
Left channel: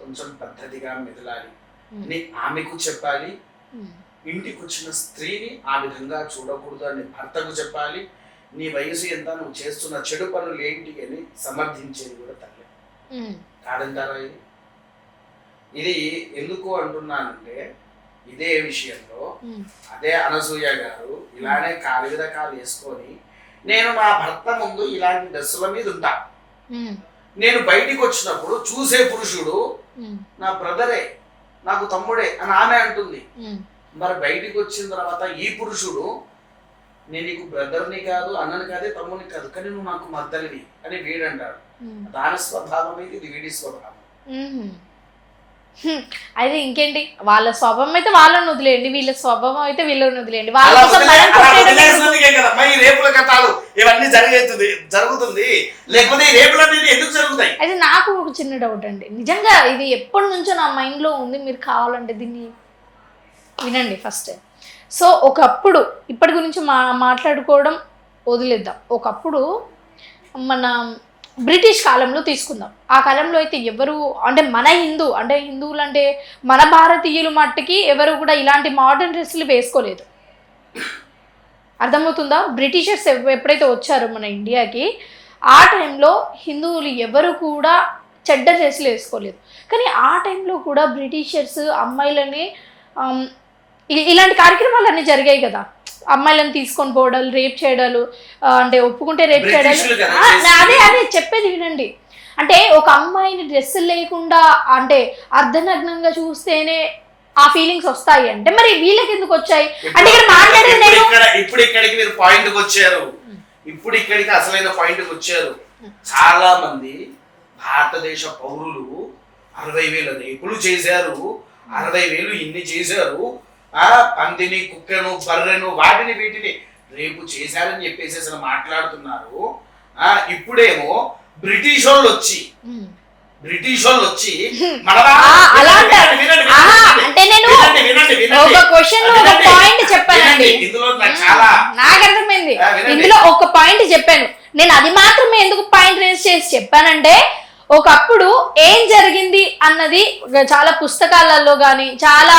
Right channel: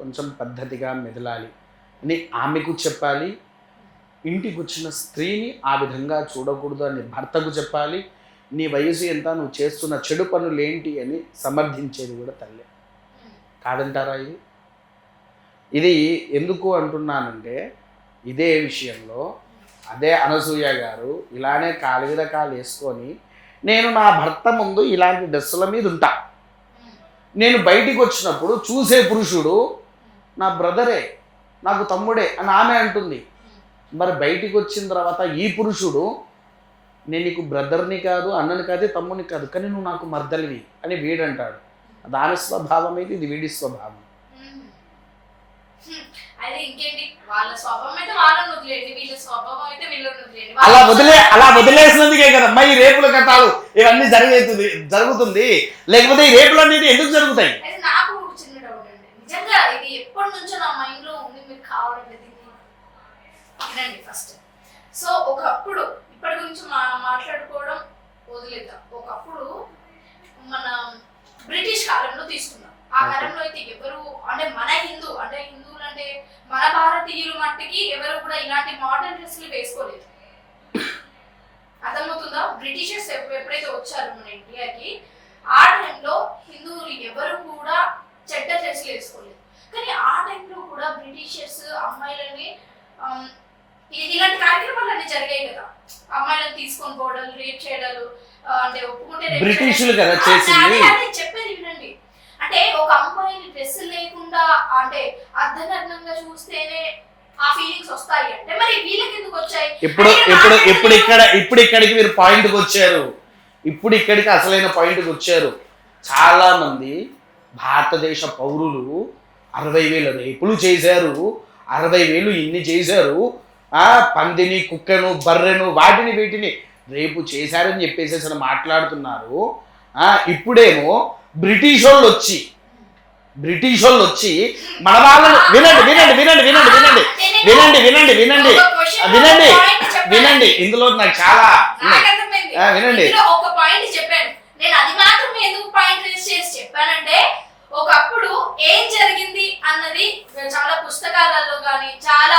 కొంచెం పద్ధతిగా మెదలాలి అని ఆమెకు చెప్పాలి. ఇంటికి వచ్చిన స్త్రీని ఆ విధంగా చూడకూడదు అని భర్తకు చెప్పాలి. నీ వయసు ఎంత, నువ్వు చేస్తున్న చెడు పనులు ఏంటి అని సమర్థించేది కూడా తల్లి. కాదంటారా? ఇది ఎందుకు అంటున్నానంటే ఇదే విషయంలో అదే అనసూయ గారు ఇలానే కాలు మీద కాలు వేసుకొని నేను నా భర్త ముందు ఇలాంటి డ్రెస్సుల మీద ఉంటా, నేను బయటికి వచ్చినప్పుడు చూసే పురుషుడు నా బ్రదరే, నాకు తమ్ముడే అని ఆమె అంటుంది. మరి బయటికి వచ్చిన తర్వాత ఈ పురుషుడు నేను నీకు బ్రదర్ని కాదు, అన్నని కాదు, తమ్ముని కాదు, కానీ నువ్వు నాకు మద్దలివి అని వీడంటాడు. దాని స్వభావం అయితే ఇది వీడి స్వభావం. అయితే ఇంకేంటి, వాళ్ళ స్వభావం అయితే వాళ్ళని వదిలేయండి, వీళ్ళ స్వభావం అయితే వీళ్ళని వదిలేయండి. అలా వదిలేసినందుకే కదమ్మా ఈ రేపుల కథలు ఇవన్నీ జరుగుతుంది. లేకపోతే ఈ రేపులు అనేది ఎందుకు జరుగుతాయి? అయితే నాకు ఒక చిన్న డౌట్ అండి, నిజంగా ఇది ఎప్పటి నుంచో నా మైండ్ లో ఉంది, మీరు కావాలంటే దీన్ని వినండి ఫస్ట్. సో ఒకప్పుడు ఇప్పటి గురించి మాట్లాడుకోవడం వదిలేద్దాం. ఒకప్పుడు మన బ్రిటిష్ కాలంలో తీసుకుందాం. ఆ కాలంలో అయితే ఎవరు అంటే మన హిందువులు అంటే మన భారతీయులు మట్టుకి ఎవరు కూడా ఇలాంటి మోడర్న్ డ్రెస్సులు వేసుకోలేదు. అర్థమవుతుందా? బ్రిటిషర్స్ ఎప్పుడైతే వచ్చారో మన ఇండియాకి, ఆ టైంలో హిందువులు ఎవరు కూడా చెడ్డ డ్రెస్సులు వేసుకోలేదు. కానీ ఆ టైంలో కూడా బ్రిటిషర్స్ అమ్మాయిలని ఇలాంటి కార్యక్రమాలు అన్నీ జరిగాయి కదా, అమ్మాయిలను తీసుకొని పోవడాలు, రేప్ చేయడాలు, అంటే ఒప్పుకుంటే రేప్ చేయడాలు. అదే చెప్పేది వినండి. అంటే ఒక అమ్మాయిని డ్రెస్ లేకుండా అంటే అర్ధనగ్నంగా చూస్తేనే ఆ ఫీలింగ్స్ వస్తాయి అంటే మరి వీళ్ళకి ఎందుకు వచ్చాయి? ఇప్పుడు ఇక్కడికి మీరు పాయింట్కి వచ్చారు. ఇప్పుడు ఇక్కడికి అసలైన పాయింట్కి వచ్చారు. చాలా మంది భారతదేశ పౌరులు 60,000 రేపులు చేశారు, 60,000 ఇన్ని చేశారు, పందిని, కుక్కను, బర్రెను, వాటిని వీటిని రేపు చేశారని చెప్పేసి అసలు మాట్లాడుతున్నారు. ఇప్పుడేమో బ్రిటిష్ వాళ్ళు వచ్చి మన వినండి, ఇందులో నాకు చాలా అర్థమైంది. ఇందులో ఒక పాయింట్ చెప్పాను నేను, అది మాత్రమే ఎందుకు పాయింట్ రేస్ చేసి చెప్పానంటే, ఒకప్పుడు ఏం జరిగింది అన్నది చాలా పుస్తకాలలో గాని చాలా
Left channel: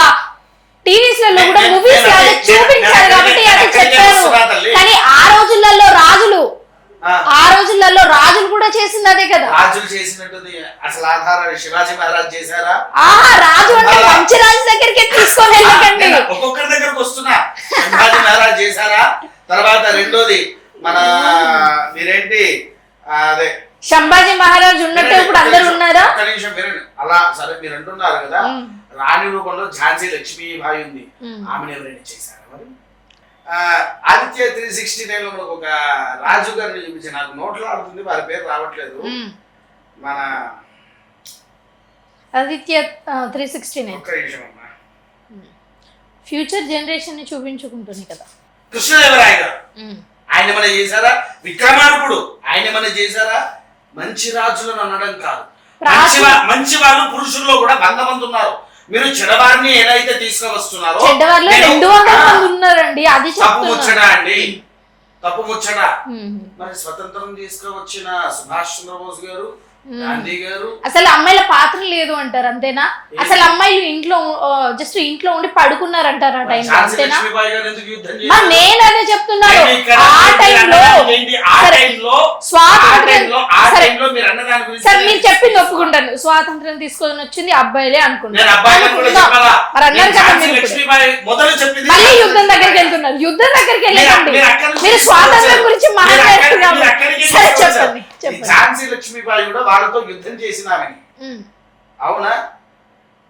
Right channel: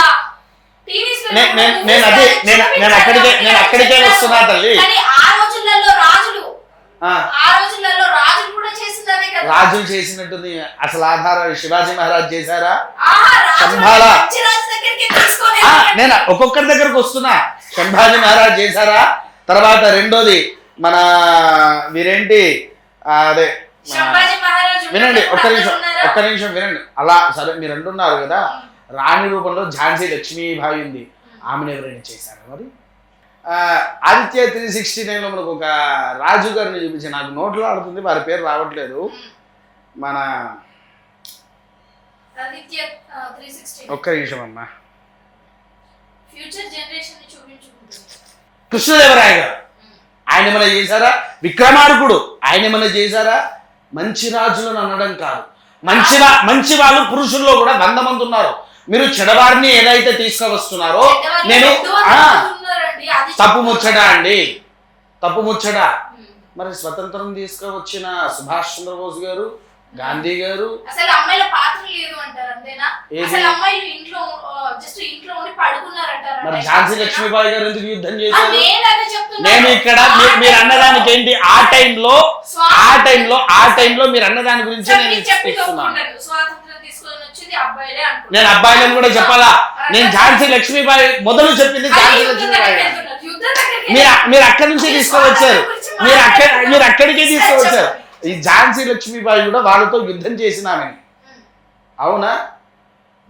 టీవీస్లలో కూడా మూవీస్ చూపించారు కాబట్టి కానీ ఆ రోజులలో రాజులు కూడా చేసింది అదే కదా. రాజులు చేసినట్టుంది అసలు ఆధారాలు శివాజీ మహారాజ్ చేశారా? రాజు మంచి రాజు దగ్గరికి తీసుకొని వెళ్ళండి. ఒక్కొక్కరి దగ్గరకు వస్తున్నా. శివాజీ మహారాజ్ చేశారా? తర్వాత రెండోది మన మీరేంటి అదే సంభాజీ మహారాజ్ ఉన్నారా? ఒక్క నిమిషం వినండి. అలా సరే మీరు అంటున్నారు కదా, రాణి రూపంలో ఝాన్సీ లక్ష్మీబాయి ఉంది, ఆమెను ఎవరైనా చేశారు? మరి ఆదిత్య 369 మనకు ఒక రాజు గారిని చూపించి, నాకు నోట్లో ఆడుతుంది వారి పేరు రావట్లేదు, మన ఆదిత్య 369. ఒక్క నిమిషం అమ్మా, ఫ్యూచర్ జనరేషన్ ని చూపించుకుంటుంది కదా. కృష్ణదేవరాయ గారు ఆయన ఏమైనా చేశారా? విక్రమార్కుడు ఆయన ఏమైనా చేశారా? మంచి రాజులను అనడం కాదు, మంచి వాళ్ళు పురుషుల్లో కూడా 100 మంది ఉన్నారు. మీరు చెడవారిని ఏదైతే తీసుకువస్తున్నారో తప్పు ముచ్చట అండి, తప్పు ముచ్చట. మరి స్వతంత్రం తీసుకువచ్చిన సుభాష్ చంద్రబోస్ గారు, గాంధీ గారు అసలు అమ్మాయిల పాత్ర లేదు అంటారు అంతేనా? అసలు అమ్మాయిలు ఇంట్లో జస్ట్ ఇంట్లో ఉండి పడుకున్నారు అంటారు. లక్ష్మీబాయి గారు ఎందుకు యుద్ధం నేనదే చెప్తున్నాను. మీరు చెప్పింది ఒప్పుకుంటాను, స్వాతంత్రం తీసుకొని వచ్చింది అబ్బాయిలే అనుకుంటాను. యుద్ధం దగ్గరికి వెళ్తున్నారు, యుద్ధం దగ్గరికి స్వాతంత్రం గురించి మాట్లాడుతున్నారు. ఝాన్సీ లక్ష్మీబాయి కూడా వాళ్ళతో యుద్ధం చేసినామని, అవునా?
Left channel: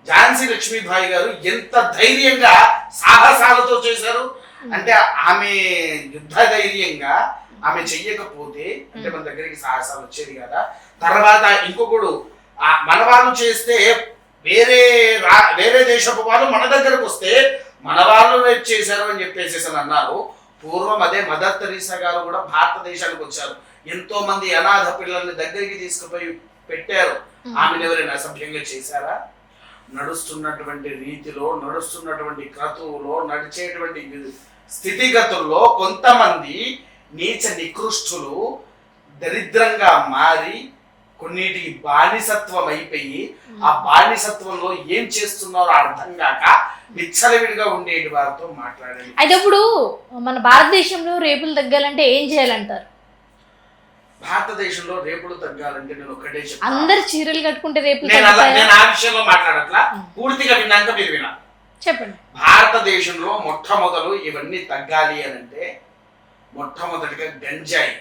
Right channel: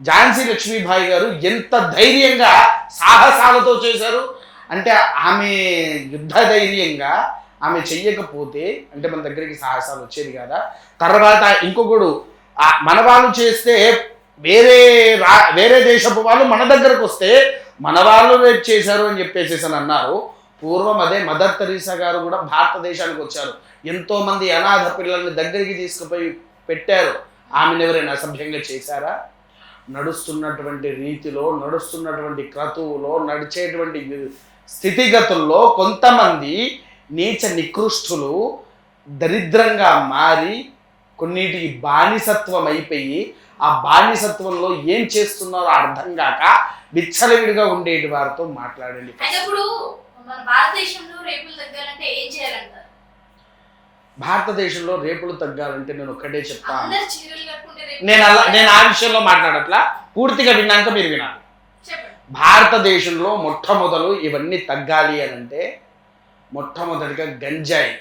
ఝాన్సీ లక్ష్మీబాయి గారు ఎంత ధైర్యంగా సాహసాలతో చేశారు అంటే, ఆమె యుద్ధ ధైర్యంగా ఆమె చెయ్యకపోతే అంటే మన దగ్గరికి సాహసాలు వచ్చేది కదా. తర్వాత ఇంకొకడు మన వాళ్ళు చేస్తే వేరే దేశపు వాళ్ళు మన దగ్గరకు వస్తే మన వాళ్ళు రేపు చేశారు అని చెప్పేసి అన్నారు. పూర్వం అదే మదర్ తెరీసా గారు కూడా భారతదేశానికి వచ్చారు, ఎంతో మంది అనాథ పిల్లల్ని దగ్గరికి తీసుకుపోయి పెట్టారు. ఆమెను ఎవరైనా అసభ్యంగా చేశారా? నడుస్తున్నటువంటి రీతిలో, నడుస్తున్నటువంటి క్రతువులో, నడిచేటువంటి స్థితిగతుల్లో కొంతమంది నీచ నికృష్టులు దరిద్రంగా మారి కొన్నిటికి బానిసత్వం అయిపోయి ఆ బానిసత్వంలో ఏం చేస్తున్నారో అర్థం కాక విచ్చలవిడిగా ఉండేటి వారితో మాట్లాడేది. అయితే ఇప్పుడు మన భారతదేశంలో రేపులు తగ్గాలంటే ఏం చేయాలంటారు? భారతదేశంలో రేపులు తగ్గాలంటే నేను ఒకటే చెప్తాను, అందరు చీరలు కట్టుకుంటే రేపు నేను ఆ విషయంలో మాట్లాడట్లా, పూర్తిగా విన్నాక మీరు వినాలి. చెప్పండి. భారతదేశంలో మొట్టమొదలు ఇవన్నీ తగ్గాలి అని అంటే మొట్టమొదటిగా గంజాయి,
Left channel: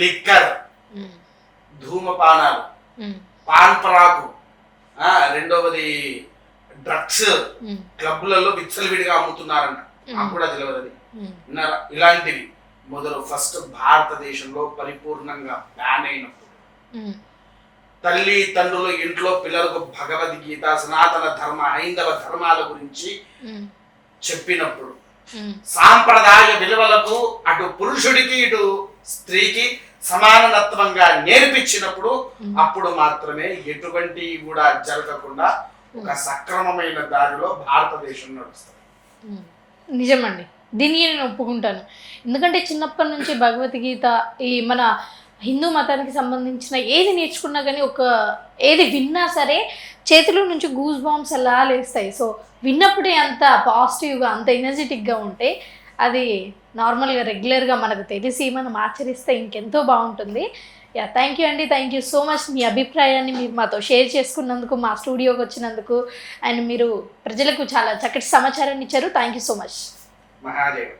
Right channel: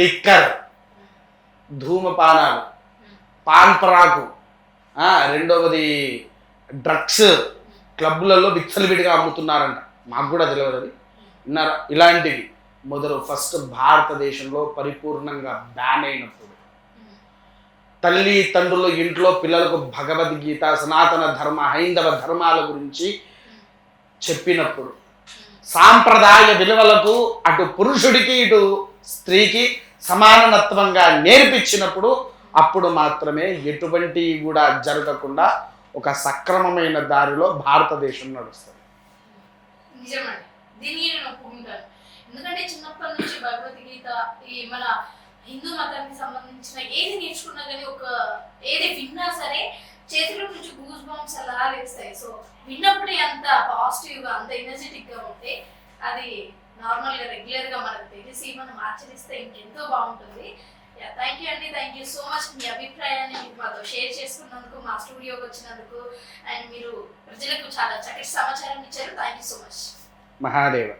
లిక్కర్, ధూమపానాలు, పాన్ పరాకు, రెండవది డ్రగ్స్ క్లబ్లలో విచ్చలవిడిగా అమ్ముతున్నారంట. మాకు కూడా తెలియదు అది. ఇలాంటివి మొదలు ఫస్ట్ భారతదేశంలో పరిపూర్ణంగా బ్యాన్ అయినప్పుడు, తల్లి తండ్రులు ఇంట్లో పిల్లలకు భగవద్గీత, సనాతన ధర్మ, హైందవ ధర్మాల గురించి చెప్పినప్పుడు, సాంప్రదాయ విలువలకు అటు పురుషుడికి ఇటు స్త్రీకి సమానత్వంగా నేర్పించినప్పుడు అప్పుడు మాత్రమే ఎటువంటి కూడా జరగకుండా ఒక సక్రమమైన దారిలో భారతదేశం నడుస్తుంది. నిజమండి, దీన్ని నేను ఒప్పుకుంటాను. ఎందుకంటే చిన్నప్పటి నుంచి భగవద్గీత, ఈ మన హిందూ మతానికి సంబంధించిన ఏది నేర్చుకున్నా కానీ ఏది విన్నా సరే చేతిలో నుంచి గూస్ బాంబ్స్ అలా లేస్తాయి. సో విన్నప్పుడే అంత పాజిటివ్గా, అంత ఎనర్జెటిక్గా ఉంటే అది నార్మల్గా రెగ్యులర్గా మనకు తెలిసి మనం ఆచరిస్తే ఇంకెంతో బాగుంటుంది. యా, థ్యాంక్ యూ అండి, థ్యాంక్ యూ సో మచ్. మీ అభిప్రాయాన్ని మీరు మాతో షేర్ చేసుకున్నందుకు, మా స్టూడియోకి వచ్చినందుకు, అండ్ మీరు ప్రజలకు చాలా చక్కటి సమాచారాన్ని ఇచ్చారు. Thank you so much. Mahadev.